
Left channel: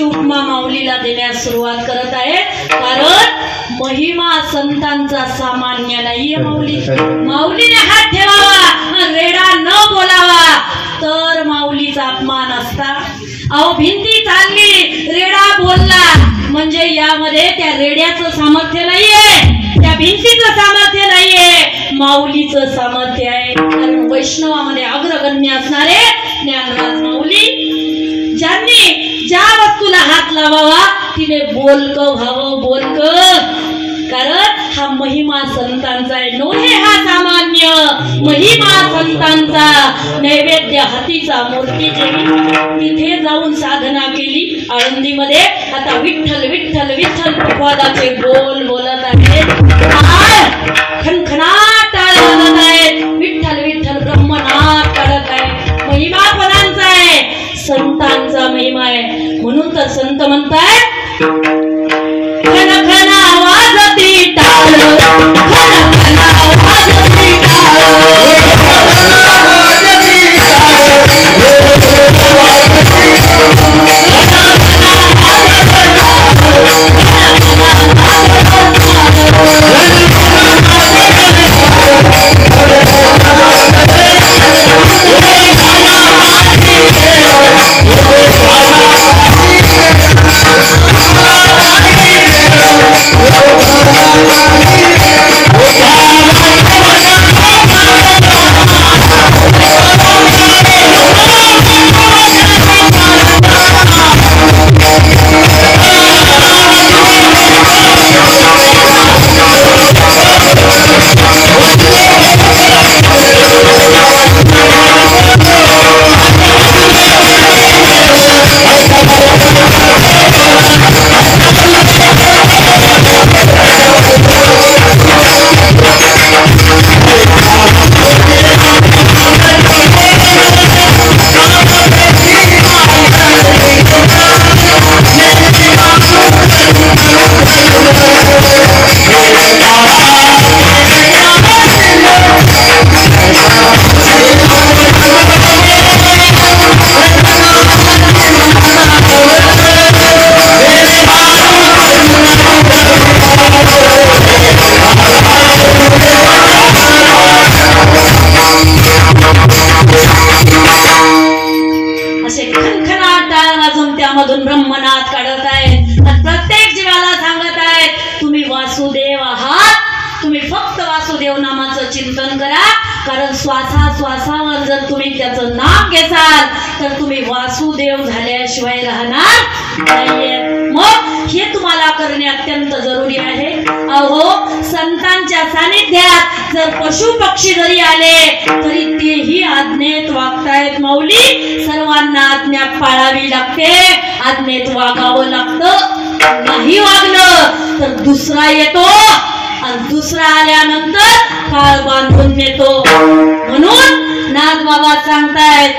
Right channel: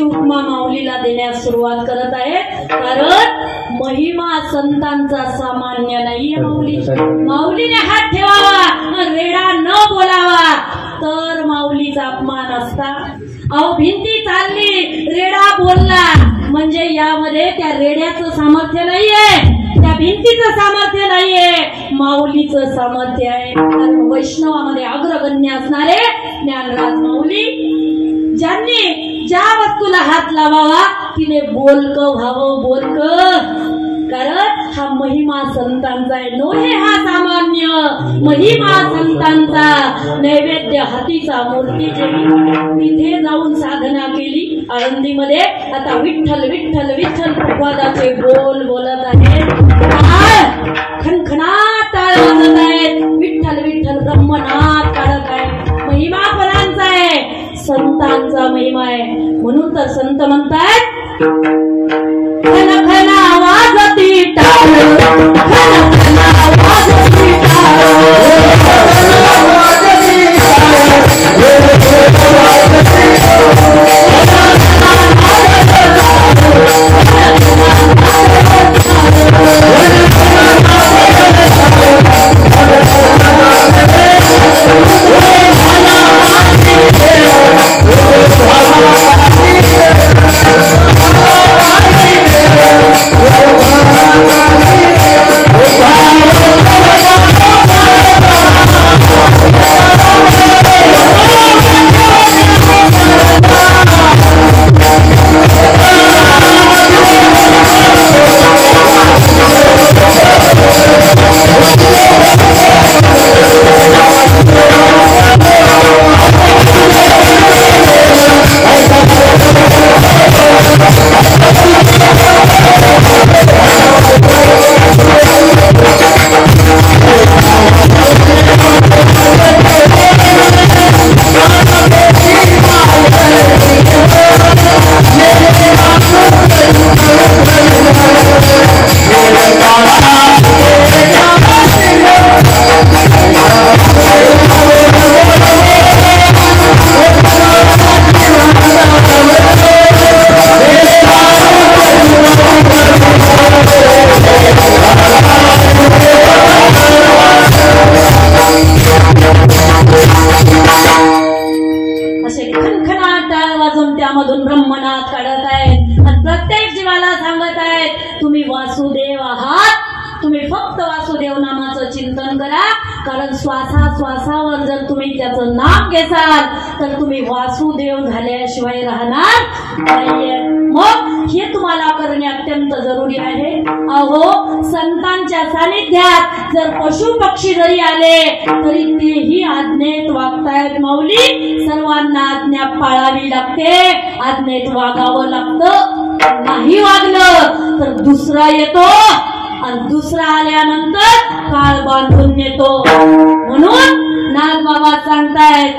अशी उपमा माऊलीला देण्यास सुरुवात करत आहे. कारण महिमा संतांचा सामान्य नाहीये. माऊलीने हात ठेवावा, रेडा न बोलावा तर माऊलीचा अपमान असता. अहो भिंती चालली, रेडा बोलला म्हणजे यामध्ये त्या रेड्याचं सामर्थ्य नाहीये, त्या भिंतीचं सामर्थ्य नाहीये, माऊलीचं सामर्थ्य आहे. कारण वैष्णवामध्ये अग्रगण्य असणारे ज्ञानराज माऊली, ज्यांनी ज्या वस्तूला हात लावावा तिने बोलक व्हावं, बोलक. कारण हा महिमा संतांचा आहे, नोहे हा सामान्य. महिमा संतांचा, नैवेद्य हातीचा मूर्तीचे. तिथे जाऊन साधना केली आळंदीमध्ये. आता विठ्ठल विठ्ठल विठ्ठल पखवादाचे बोल बोलत आहेत, खणखणाट वाजत आहेत. विठ्ठल विठ्ठल ब्रह्मनाद काढत आहे. महिमा कोणाचा आहे? संतांचा महिमा आहे. म्हणून तर संत म्हणतात, खणखणा वाजती टाळ, खणखणा वाजती टाळ, श्वासावर जर तुम्ही त्याचं नाम घेसाल तर तुम्ही वासुदेव झाल्याशिवाय राहणार नाहीये. मग हे तुम्हाला करणे अत्यंत जरुरी आहे. अहो संतांच्या सानिध्यात जर पशु पक्षी जरी आले तरी तेही आज्ञेत वागतायत. माऊली, सर्वांना आज्ञा पाळावी लागते, आज्ञेत वागावं लागतं. नाही वागलं तर दुसरा येतो आणि दुसरा आल्यानंतर काळ बांधून नेतो. म्हणून नाथ बाबा सांगतायत,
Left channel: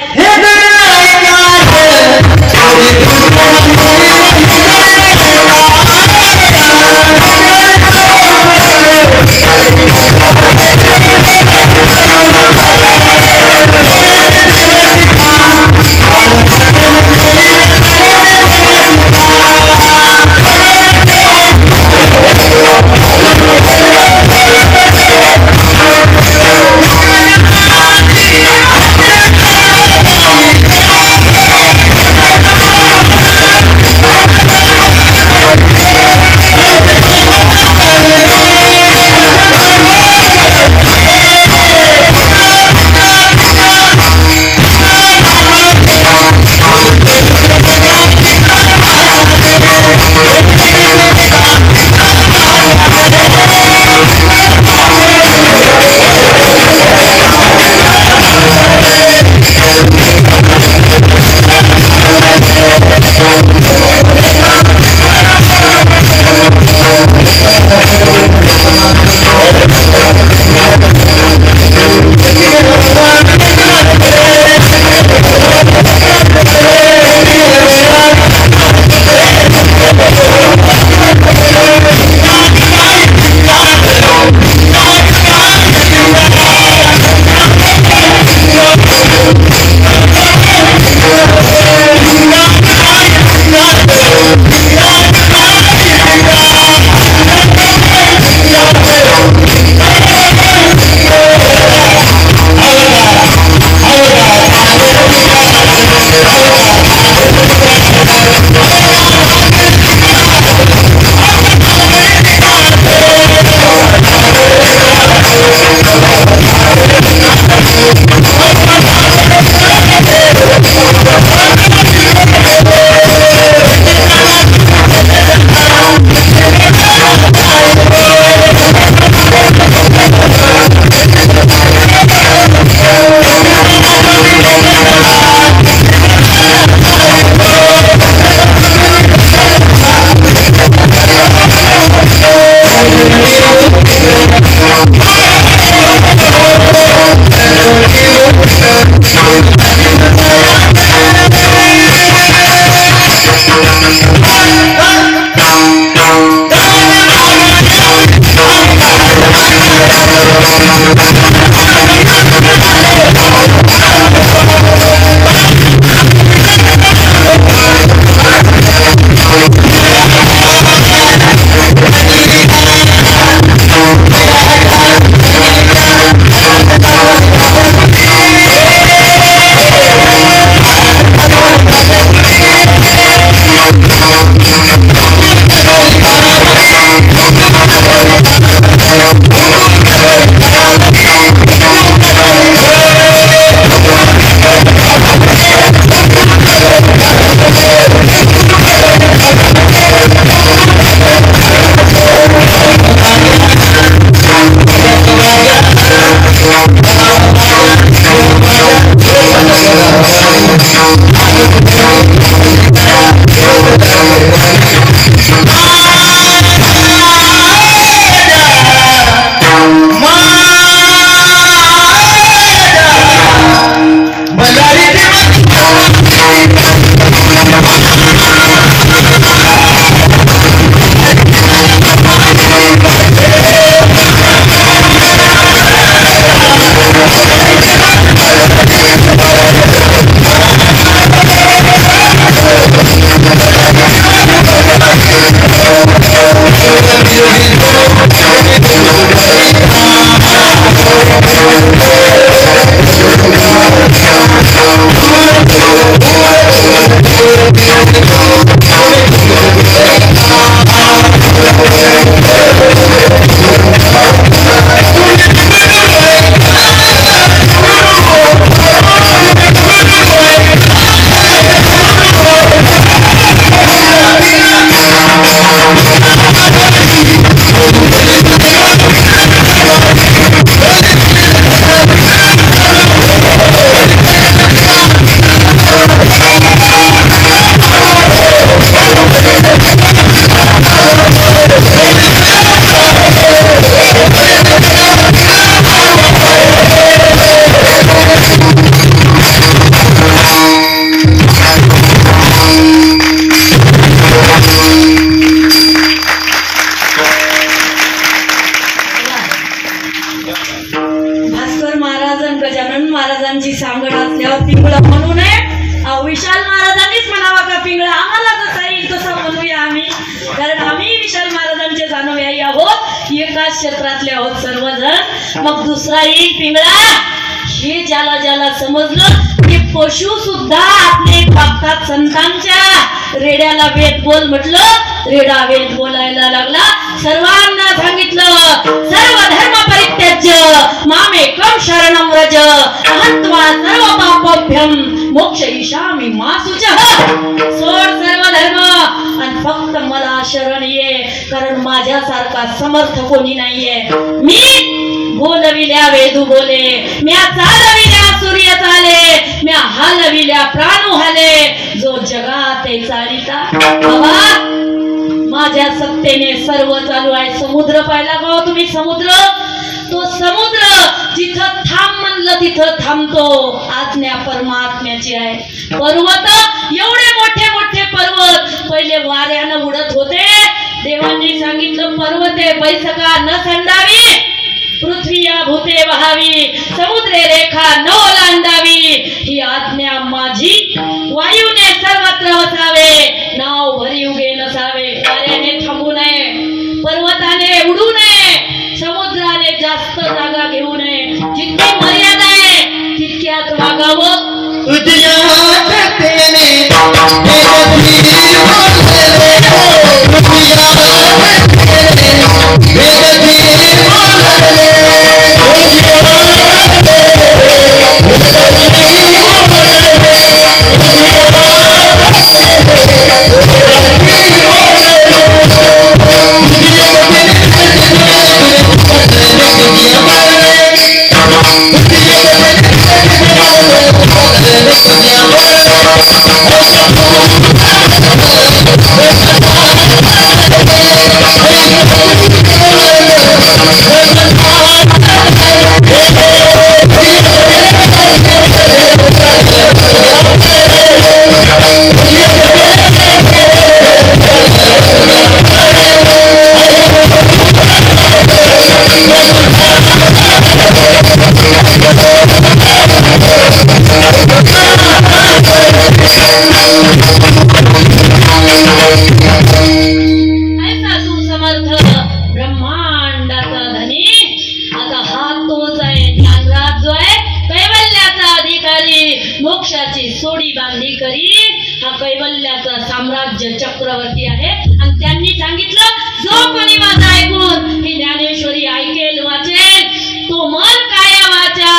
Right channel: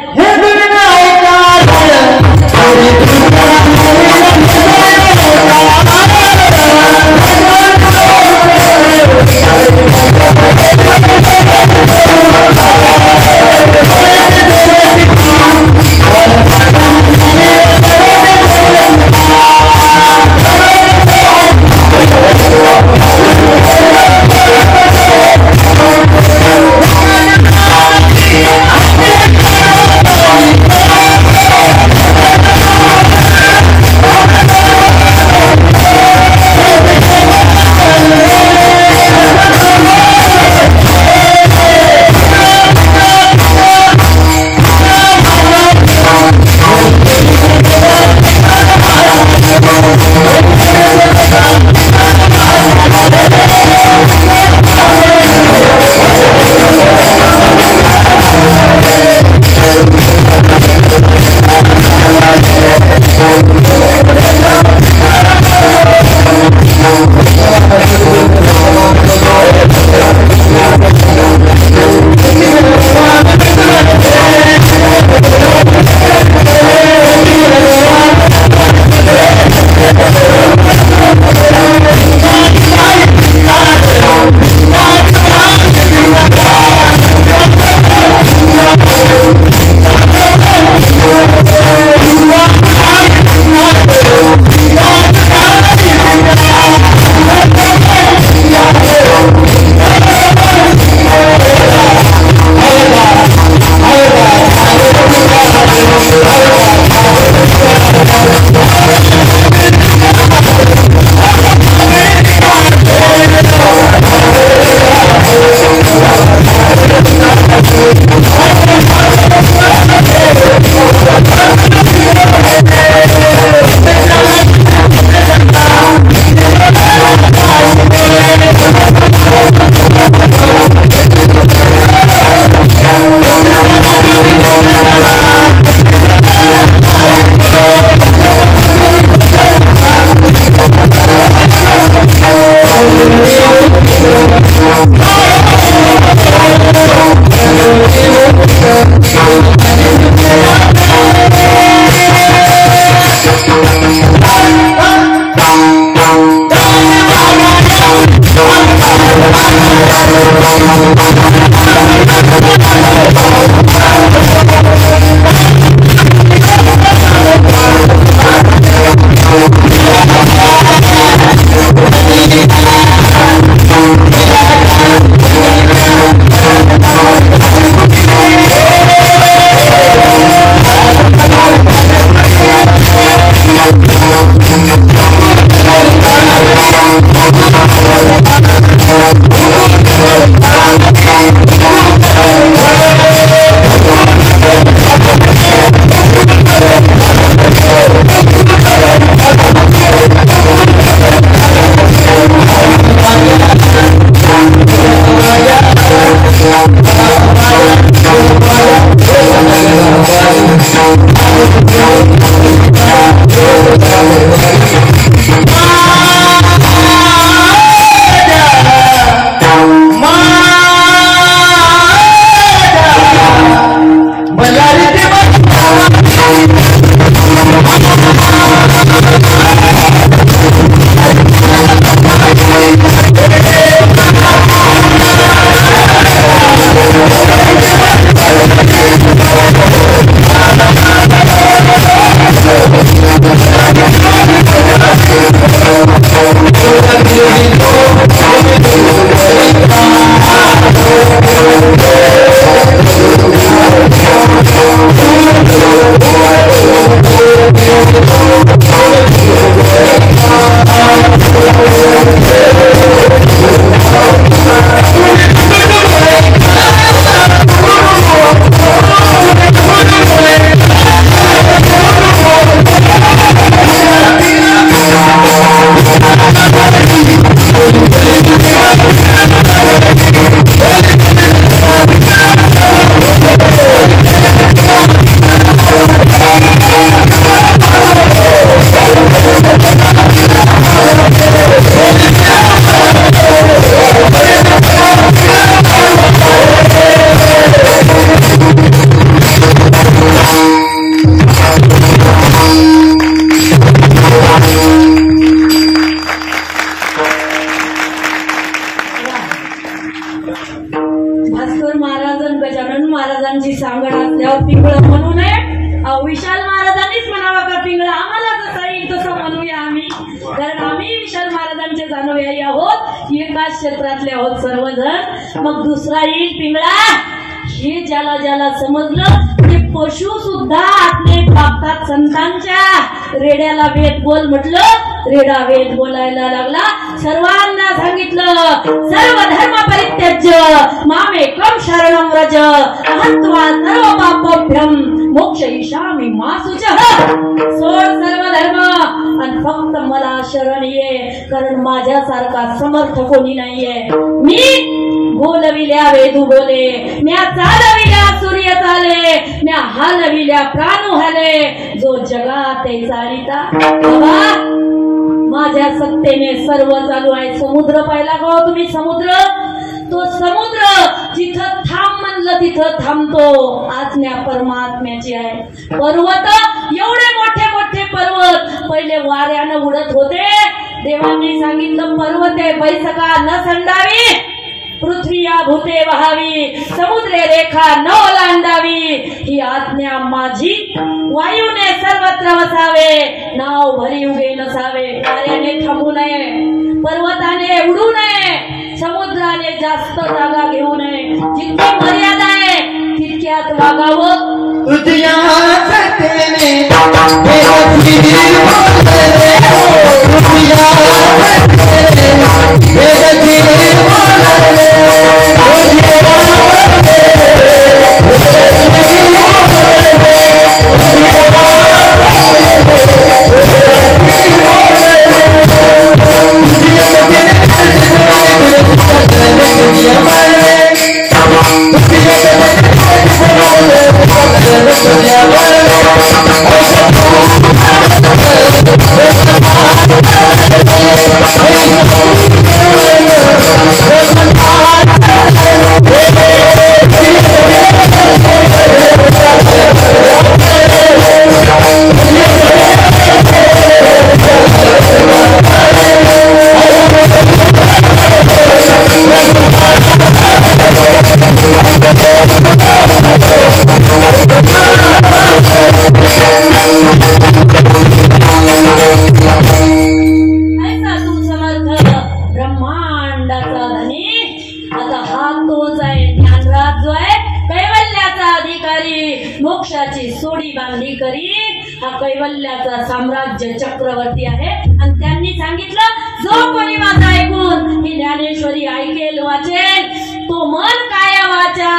महाराजांची सांगड असल्यावर पिंगळं म्हणू नये. विशाल महाराजांनीच म्हणावं का पिंगळं, आम्हाला जसा येईल तसं म्हणूया आम्ही, कारण आम्ही विशाल महाराजांचे अनुयायी आहोत, एकाच क्षेत्रातले आहोत सर्वजण. मग दुसरा येईल पिंगळा, हे ज्याला ज्याला समजलं ते पशु सुद्धा आपले बघतात. संतांच्या रेड्याला वेद बोल म्हटलं, रेडा वेद बोलायला लागला. सर्वांना सांगितलं, सर्व धर्म परित्याज्य मामेकं शरणं व्रज अहत्वा सर्व पापभ्यं मोक्षयिष्यामि मा शुचः. सोड सर्व धर्म आणि फक्त मला शरण ये, कारण माझ्यासारखा समर्थ कोणी नाहीये. मी बोलविल्या वेदू बोले, म्या चालविल्या सूर्य चाले, म्या हालविल्या प्राणू हाले, जो जगात चालिता. बाबा माझ्या सत्तेने सर्व चालू आहे. समुद्र पाहिला का तुम्ही? समुद्र, तो समुद्र जिथं थांब म्हणलं तिथं थांबतो. आज्ञा परमात्म्याची आहे. पर्वत, एवढे मोठे मोठे पर्वत पहिले वाऱ्यानं उडत होते. देवांनी सांगितलं पर्वते बैसका न संडावी, पृथ्वी या भूते वहावी, समुद्रे रेखा न ओलांडावी, ही आज्ञा माझी. वायूने सर्वत्र वसावे, नाव भरी उगे नसावे. वाऱ्याने थांबू नये, पर्वताने उडू नये, समुद्राने जास्त जागा घेऊ नये. जितकी मर्यादा आहे तितक्यात वागावं. मोक्षाची सोडी बांधली करी. हा कैवल्याचा साम्राज्य चक्रवर्ती आहे. आणि त्यांनी सांगितलं, जो कोणी माझा ऐकून ही ज्ञानेश्वरी ऐकेल वाचेल, तो मन काया वाचा,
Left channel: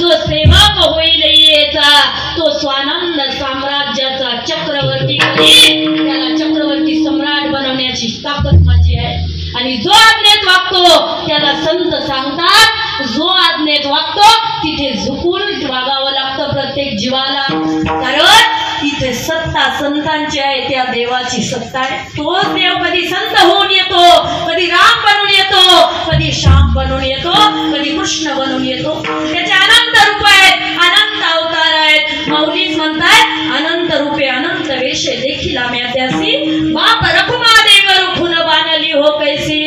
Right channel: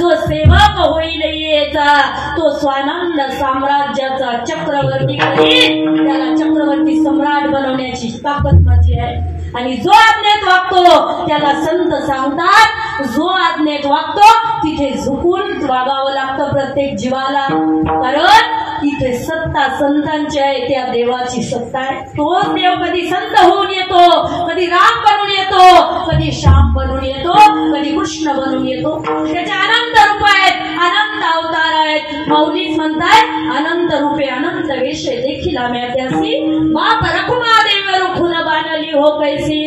जो सेवक होईल येचा, तो स्वानंद साम्राज्याचा चक्रवर्ती करी. त्याला चक्रवर्ती सम्राट बनवण्याची ताकद माझी आहे. आणि जो आज्ञेत वागतो त्याला संत सांगतात, जो आज्ञेत वागतो तिथे झुकून वागावं लागतं प्रत्येक जीवाला. कारण तिथे सत्ता संतांची आहे, त्या देवाची सत्ता आहे. तोच देव कधी संत होऊन येतो, कधी राम बनून येतो, कधी श्याम बनून येतो, कधी कृष्ण बनून येतो. त्याचे अनंत रूप आहेत, अनंत अवतार आहेत. माऊलीच म्हणतात, अनंत रूपे अनंत वेशे देखील आम्ही त्यासी, बाप रखुमा देव रुखून बाणली हो कैसी.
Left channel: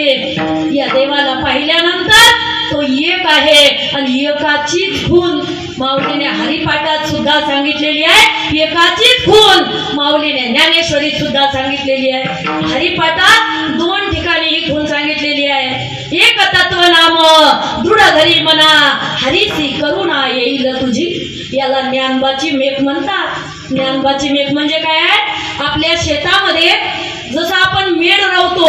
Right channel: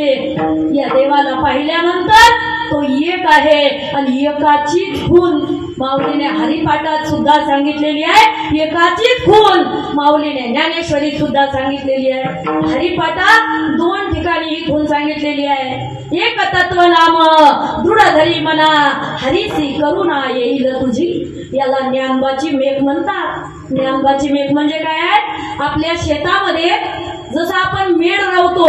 या देवाला पाहिल्यानंतर तो एक आहे आणि एकाचीच खून माऊलीने हरिपाठात सुद्धा सांगितलेली आहे. एकाचीच खून माऊलीने ज्ञानेश्वरी सुद्धा सांगितलेली आहे. हरिपाठात 2 ठिकाणी ही खून सांगितलेली आहे. एक तत्व नाम दृढ धरी मना, हरीसी करुणा येईल तुझी. याला ज्ञानबाची मेघ म्हणतात. ज्ञानबाची मेघ म्हणजे काय आहे? आपल्या शेतामध्ये जसं आपण मेढ राहतो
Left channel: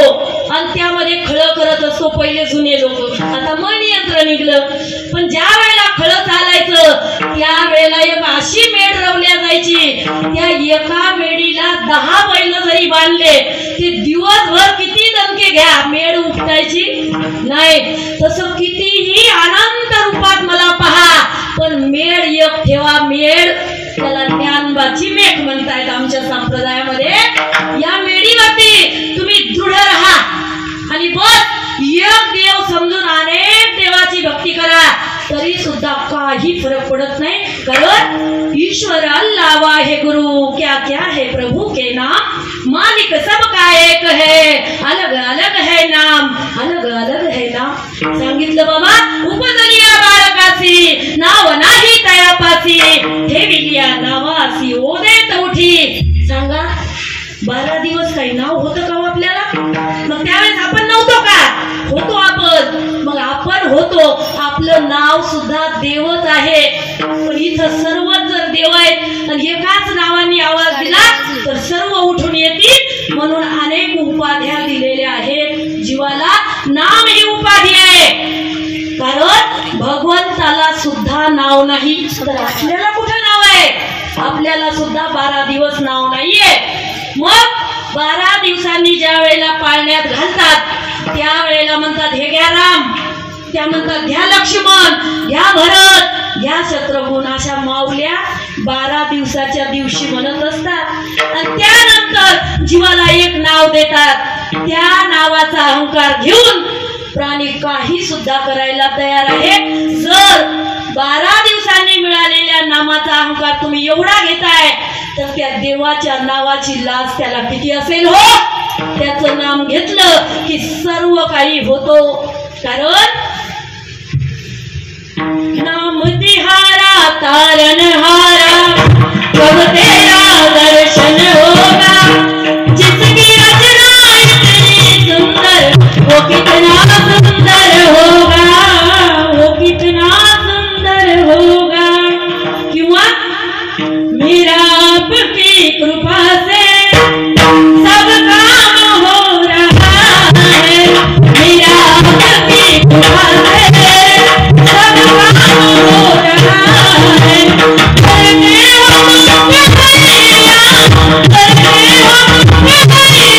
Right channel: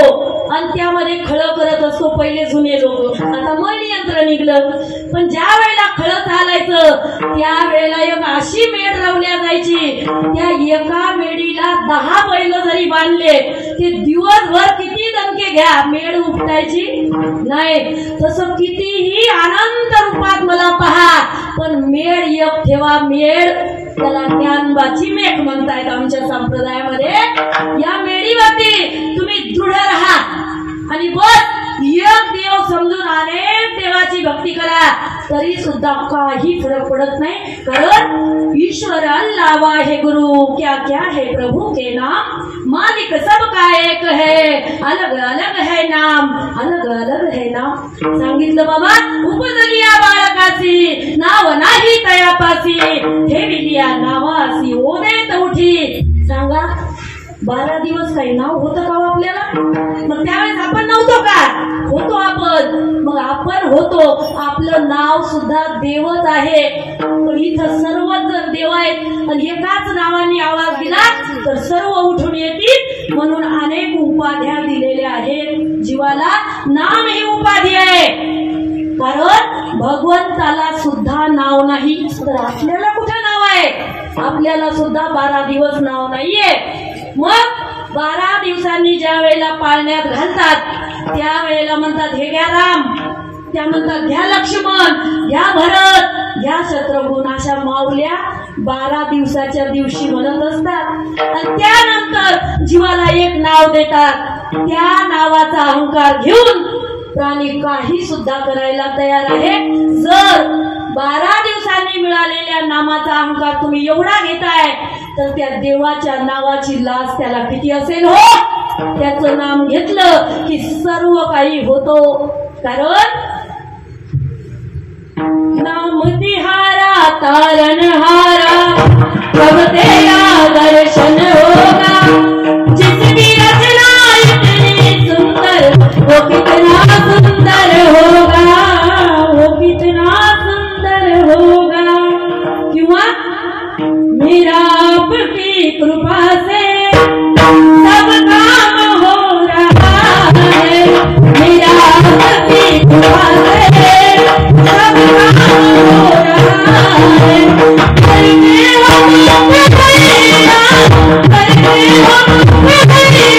आणि त्यामध्ये खळ करत असतो पहिले जुने लोक. आता मन यंत्र निघलं, पण ज्या वेळेला खळ चालायचं त्यावेळेला एक अशी मेढ रवल्या जायची, त्या एका मेढीला 10 बैल जरी बांधले ते दिवसभर किती दणके घ्या, मेढ उपटायची नाही. तसं कितीही अनंत रूपात मला पहा, पण मेढ एक ठेवा. मेढ त्याला ज्ञानबाची मेघ म्हणतायत आमच्या संप्रदायामध्ये. या मेढीवरती तुम्ही दृढ राहा आणि बस एक देव समजून अनेक देवाची भक्ती करा. तरी सुद्धा काही फरक पडत नाही, कारण ईश्वर अल्लाह वाहे गुरु क्या क्या है प्रभु के नाम, मालिक सबका एक है, अलग अलग है नाम, अलग अलग है नाम. सांगितलं बाबा, उपजलिया बालकासी नाव नाही तयापासी, ठेविलिया नावासी ओदेत उठी. सांगा 12 दिवस काही नाव होतं का आपल्याला? मग त्यावेळेस आपण नव्हतो का? होतो आपण. मग आपण होतो, आपलं नाव सुद्धा देवच आहे. पण इथं सर्वच जर देव आहेत आणि एकाच नावाने आवाज दिला तर सर्व उठून येतील. म्हणून अनेक उपाध्या दिलेल्या आहेत. जीवाला नाम ही उपाधी आहे, कारण भगवंताला सुद्धा नाव नाही तर आपल्याला कुठं नाव आहे? आपल्याला सुद्धा 12 दिवस नाव नाहीये. मग 12 दिवसांनी ज्या वेळेला पाळण्यात घालतात त्यावेळेला म्हणतात हे घ्या राम, त्या म्हणतात घ्या लक्ष्मण, घ्या भरत, घ्या शत्रुघ्न. अशा माऊल्या 12 दिवसाच्या दिवशी म्हणत असतात आणि त्यानंतर जीवाला एक नाव देतात. त्या नावाचा अहंकार घेऊन प्राणी काही सुद्धा करायला तयार आहे. जर 12 दिवसांनी मिळालेल्या नामाचा अहंकार तुम्ही एवढा घेताय तर त्या देवाच्या नावाची लाज त्याला किती असेल हो. त्याचं नाम घेतलं की सर्व काही होतो. कारण नाम तिहारा तारनहारा कब तेरा दर्शन होगा, जिसकी रचना इतनी सुंदर वो कितना सुंदर होगा, वो कितना सुंदर होगा. किंवा मेरा आपकी कृपा से सब काम हो रहा है, मेरा आपकी कृपा से सब काम हो रहा है. करते हो भैया, करते हो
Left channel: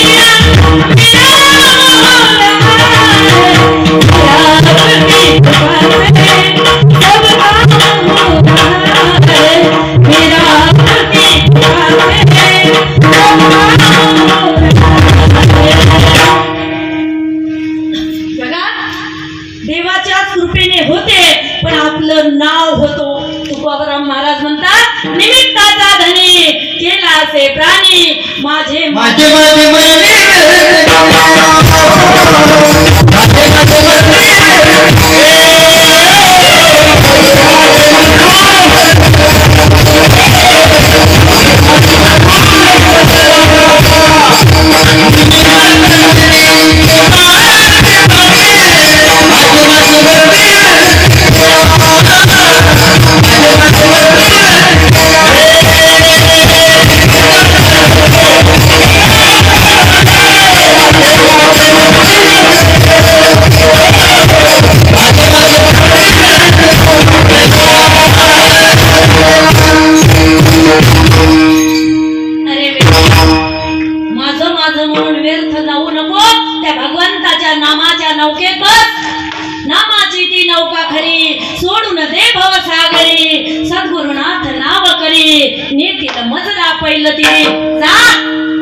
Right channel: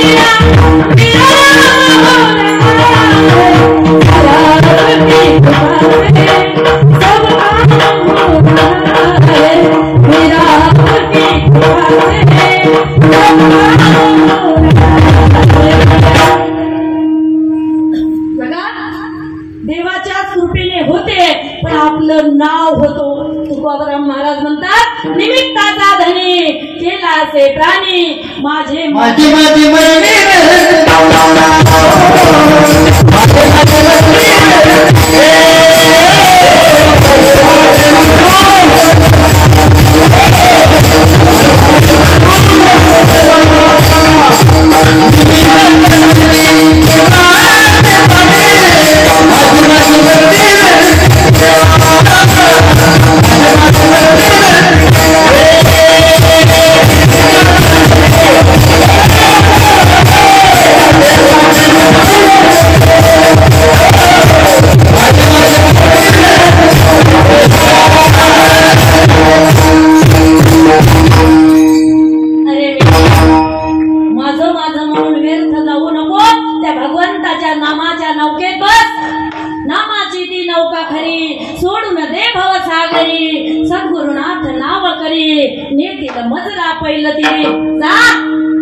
भैया, मेरा हो रहा है, मेरा आपकी कृपा से सब काम हो रहा है, मेरा आपकी कृपा से सब काम हो रहा है. बघा, देवाच्या कृपेने होते पण आपलं नाव होतो. तुकोबराम महाराज म्हणतात, निमित्ताचा धनी केला से प्राणी, माझे माझे माझे मरणे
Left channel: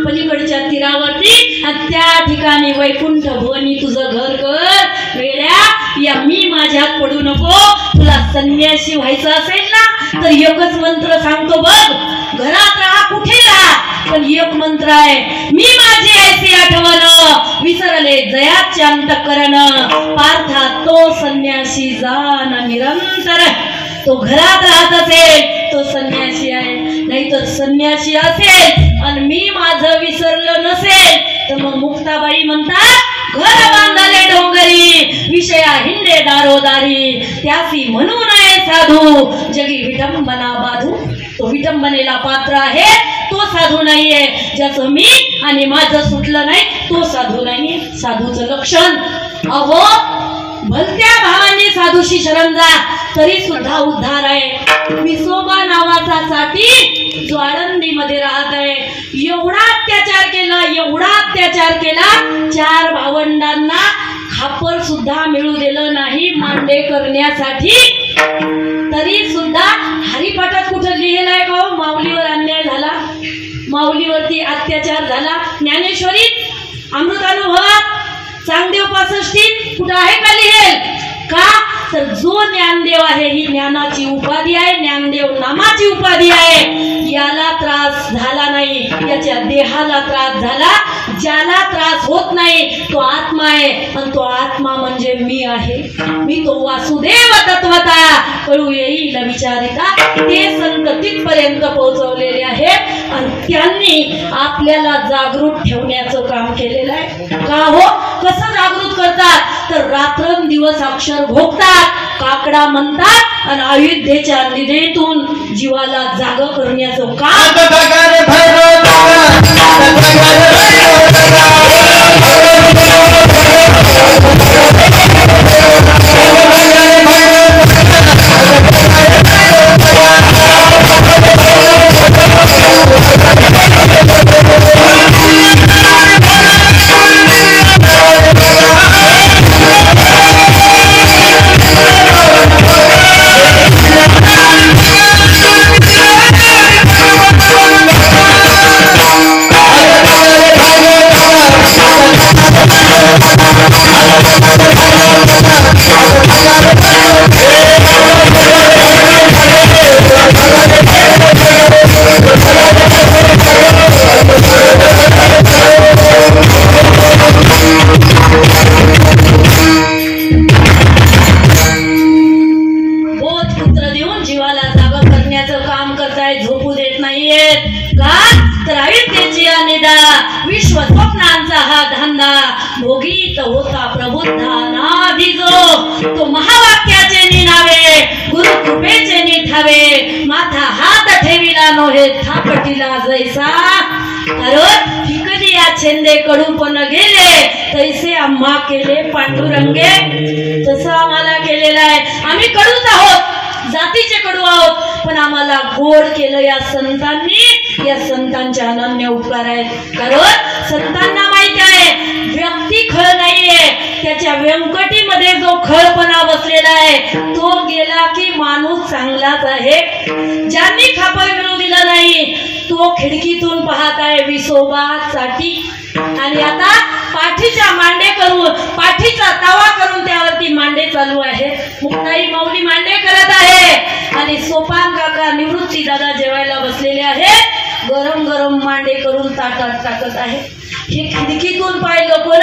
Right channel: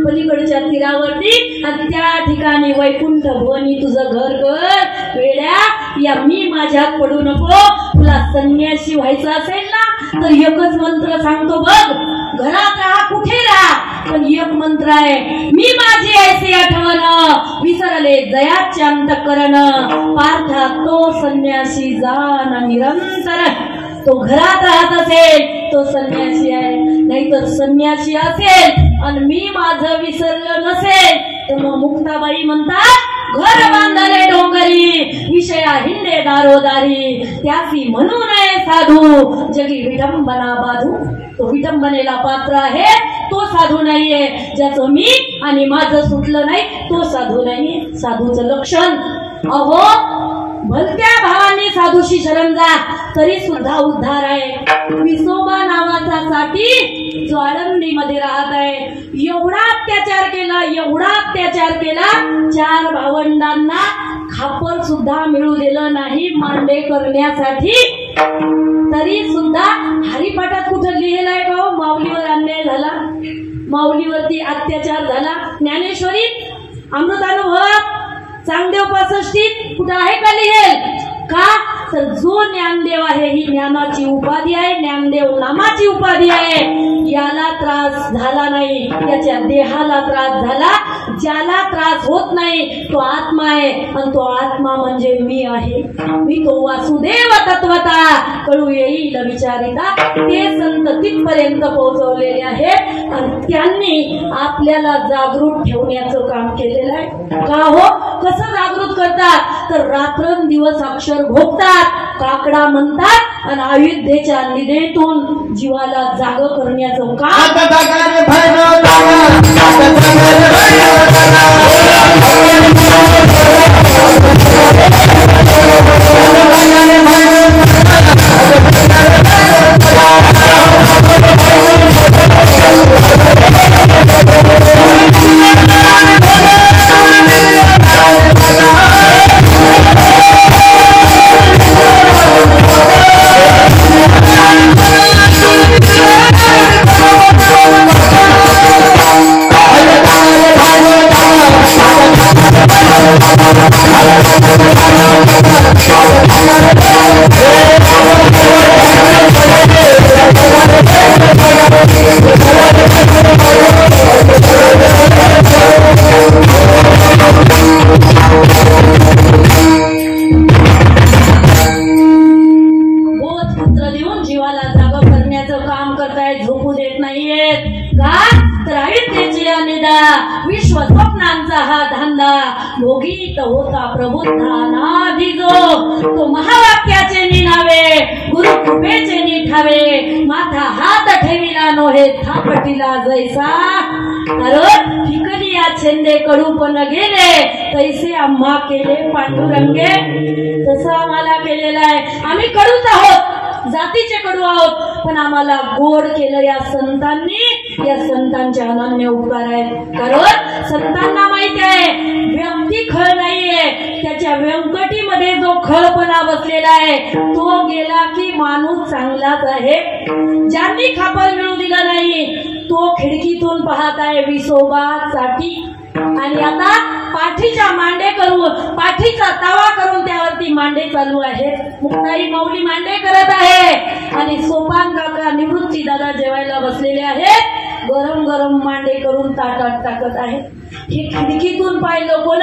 पलीकडच्या तीरावरती आणि त्या ठिकाणी वैकुंठ भवनी तुझं घर कर. वेड्या, या मी माझ्यात पडू नको. तुला संन्यासी व्हायचं असेल ना तर एकच मंत्र सांगतो बघ. घरात राहा, कुठे राहा, पण एक मंत्र आहे, मी माझी ऐसी आठवण विसरले जयाचे अंतःकरण, पार्था तो संन्यासी जाण निरंतर. तो घरात राहत असेल तो संन्यासी आहे, नाही तर संन्यासी असेल आणि मी माझं विसरलं नसेल तर मग मुक्ताबाई म्हणतात, घर बांधले डोंगरी विषया हिंडे दारोदारी, त्यासी म्हणू नये साधू जगी विटंबना बाधू. तो विटंबनेला पात्र आहे, तो साधू नाहीये. ज्याचं मी आणि माझं सुटलं नाही तो साधू नाहीये. साधूचं लक्षण, अहो भलत्या भावांनी साधूशी शरण जा तरी सुद्धा उद्धार आहे. विसोबा नावाचा साठी जो आळंदी मध्ये राहत आहे, एवढा अत्याचार केला, एवढा अत्याचार केला, 4 भावंडांना खापर सुद्धा मिळू दिलं नाही मांडे करण्यासाठी. तरी सुद्धा हरिपाठात कुठं लिहिलंय का हो माऊलीवर अन्याय झाला, माऊलीवरती अत्याचार झाला? ज्ञानेश्वरीत, अमृतानुभवात, चांगदेव 65 कुठं आहे का लिहेल? का तर जो ज्ञानदेव आहे ही ज्ञानाची उपाधी आहे, ज्ञानदेव नामाची उपाधी आहे. याला त्रास झाला नाही, याच्या देहाला त्रास झाला. ज्याला त्रास होत नाही तो आत्मा आहे, आणि तो आत्मा म्हणजे मी आहे. मी तो वासुदेव तत्वता कळू येईल विचारिता. ते संत तिथपर्यंत पोहोचवलेले आहेत आणि त्यांनी आपल्याला जागृत ठेवण्याचं काम केलेलं आहे. का हो? कसं जागृत करतात? तर रात्रंदिवस अक्षर घोकतात, काकडा म्हणतात आणि अयोध्येच्या निधेतून जीवाला जाग करण्याचं काम. विश्व स्वप्नांचा हा धंदा भोगीत होता प्रबुद्धानाधी जो. तो महावाक्याचे निनावे गुरु कृपेचे निठावे माथा हात ठेविला नोहे थापटीला जैसा. कारण फिकली या छेंदे कडू पण गेले तैसे आम्हा केले पांडुरंगे. तसं आम्हाला केलेलं आहे. आम्ही कडूच आहोत, जातीचे कडू आहोत, पण आम्हाला गोड केलं या संतांनी. या संतांचे अनन्य उपकार आहेत. कारण संतांना माहिती आहे व्यक्ती खळ नाहीये, त्याच्या व्यंकटीमध्ये जो खळपणा बसलेला आहे तो गेला की माणूस चांगलाच आहे. ज्यांनी खापर मिळू दिलं नाही तो खिडकीतून पाहत आहे विसोबासाठी. आणि आता पाठीचा मांडे करून, पाठीचा तवा करून त्यावरती मांडे चालू आहेत. मुक्ताई माऊली मांडे करत आहे आणि सोपान काका निवृत्ती दादा जेवायला बसलेले आहेत. गरम गरम मांडे करून ताटात टाकत आहे. हे खिडकीतून पाहिलं कोण?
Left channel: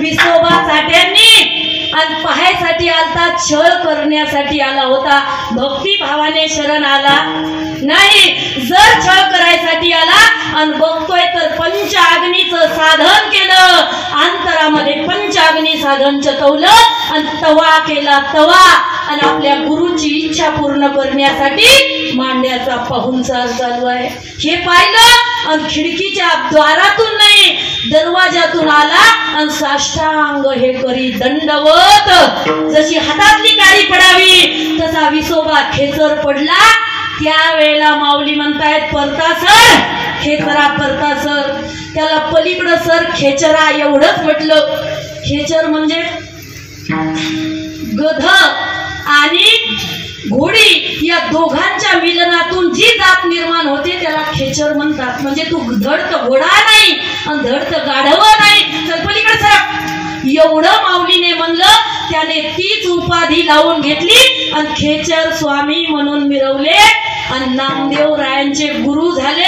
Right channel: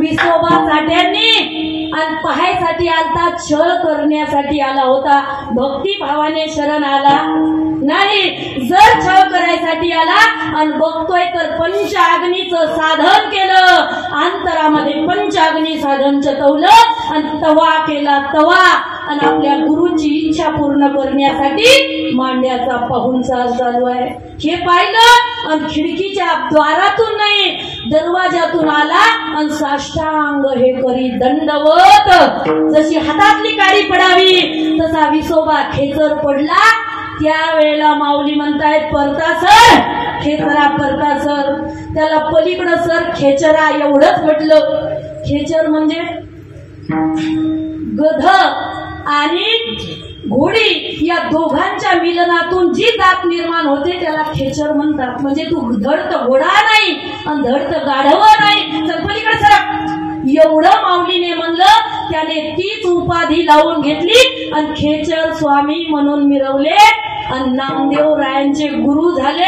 विसोबा साठ्यांनी. आणि पाहायसाठी आलता, छळ करण्यासाठी आला होता. भक्ती भावाने शरण आला नाही. जर छळ करायसाठी आला आणि बघतोय तर पंचाग्नीचं साधन केलं, अंतरामध्ये पंचाग्नी साधन चतवलं आणि तवा केला तवा. आणि आपल्या गुरुची इच्छा पूर्ण करण्यासाठी मांड्याचा पाहुणचार चालू आहे. हे पाहिलं आणि खिडकीच्या द्वारातून नाही दरवाजातून आला आणि साष्टांग हे करी दंडवत. जशी हातातली काडी पडावी तसा विसोबा खेचर पडला. त्यावेळेला माऊली म्हणतायत परता सर, खेचरा परता सर. त्याला पलीकडं सर खेचरा एवढंच म्हटलं. खेचर म्हणजे गध आणि घोडी या दोघांच्या मिलनातून जी जात निर्माण होते त्याला खेचर म्हणतात. म्हणजे तू धड तर घोडा नाही आणि धड तर गाढव नाही, चल पलीकडे सर. एवढं माऊलीने म्हणलं. त्याने तीच उपाधी लावून घेतली आणि खेचर स्वामी म्हणून मिरवले आणि नामदेव रायांचे गुरु झाले.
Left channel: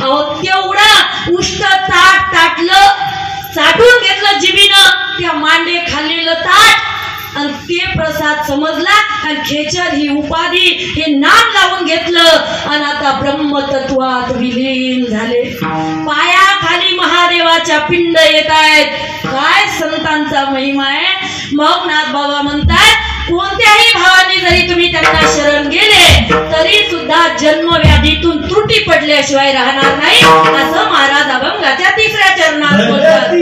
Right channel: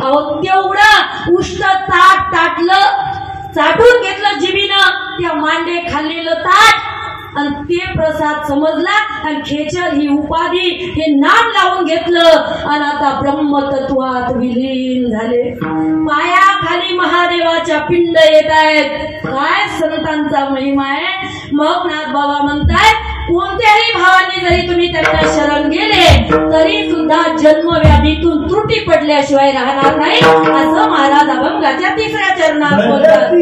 अहो तेवढं उष्ट ताट ताटलं, चाटून घेतलं जिबीनं त्या मांडे खाल्लेलं ताट आणि ते प्रसाद समजला आणि खेचर ही उपाधी हे नाम लावून घेतलं आणि आता ब्रह्मतत्वात विलीन झाले. पायाखाली महादेवाच्या पिंड येत आहेत. काय संतांचा महिमा आहे. मग नाथ बाबा म्हणतात कोणत्याही भावाने जरी तुम्ही त्यांना शरण गेले तरी सुद्धा जन्मव्याधीतून त्रुटी पडल्याशिवाय राहणार नाही, असं महाराज अभंगाच्या 3ऱ्या चरणात बोलतात.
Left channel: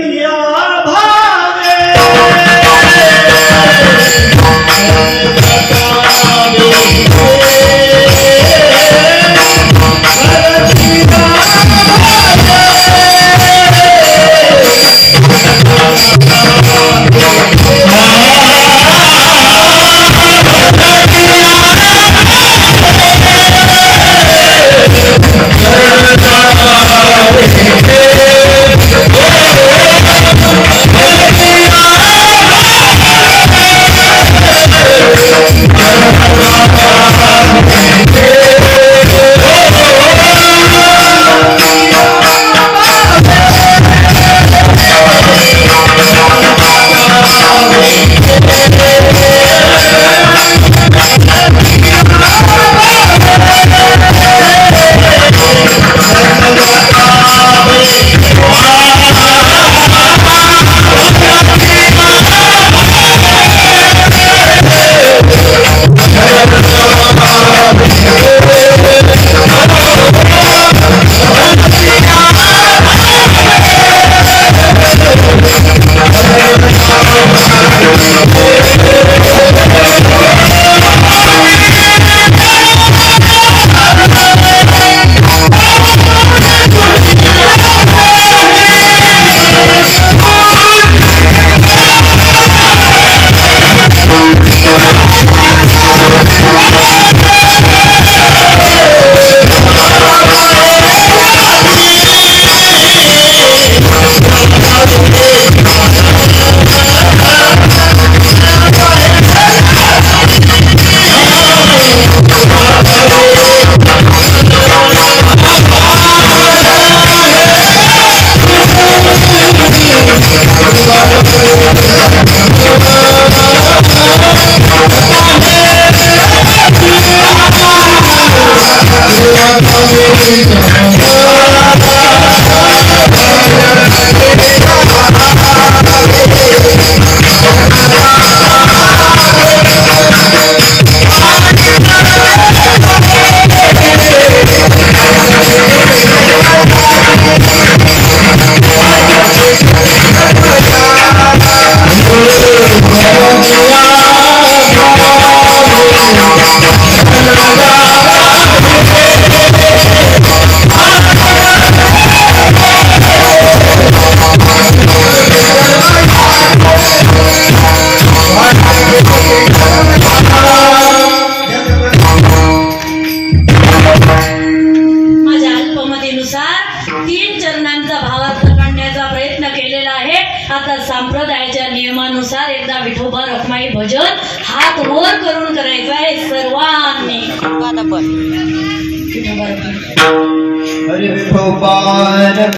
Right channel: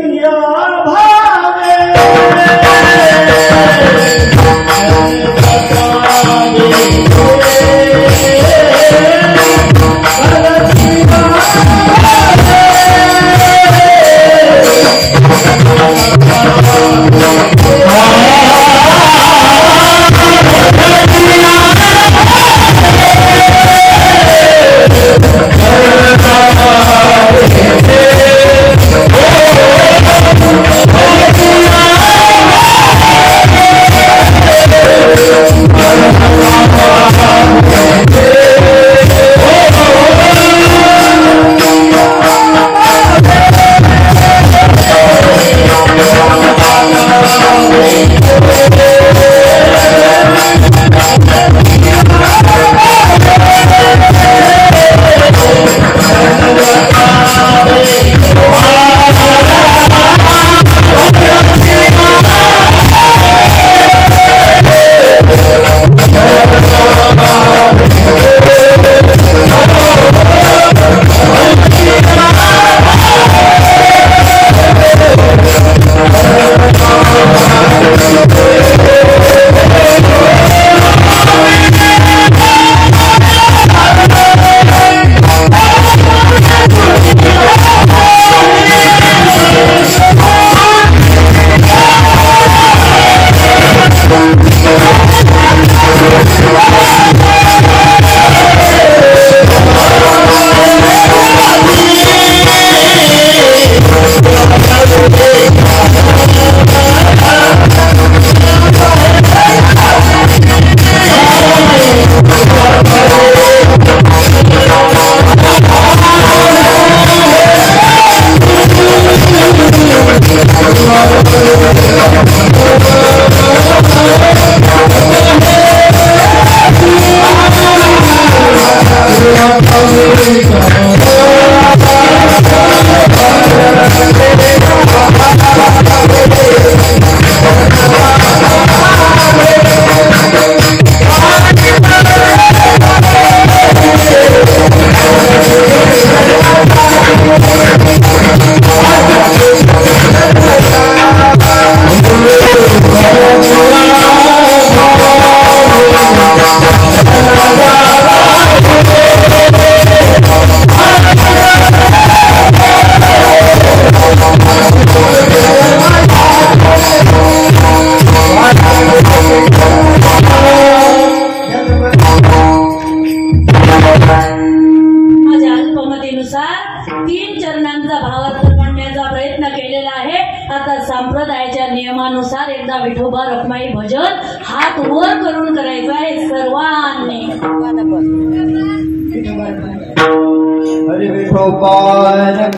तीन चरणांचा भावार्थ करण्याचा प्रयत्न केलेला आहे। आता संप्रदायाच्या नियमानुसार एकदा विठोबा रखमाई भजन हात वर करून करायचं आहे सर्वांनी। हरी विठोबा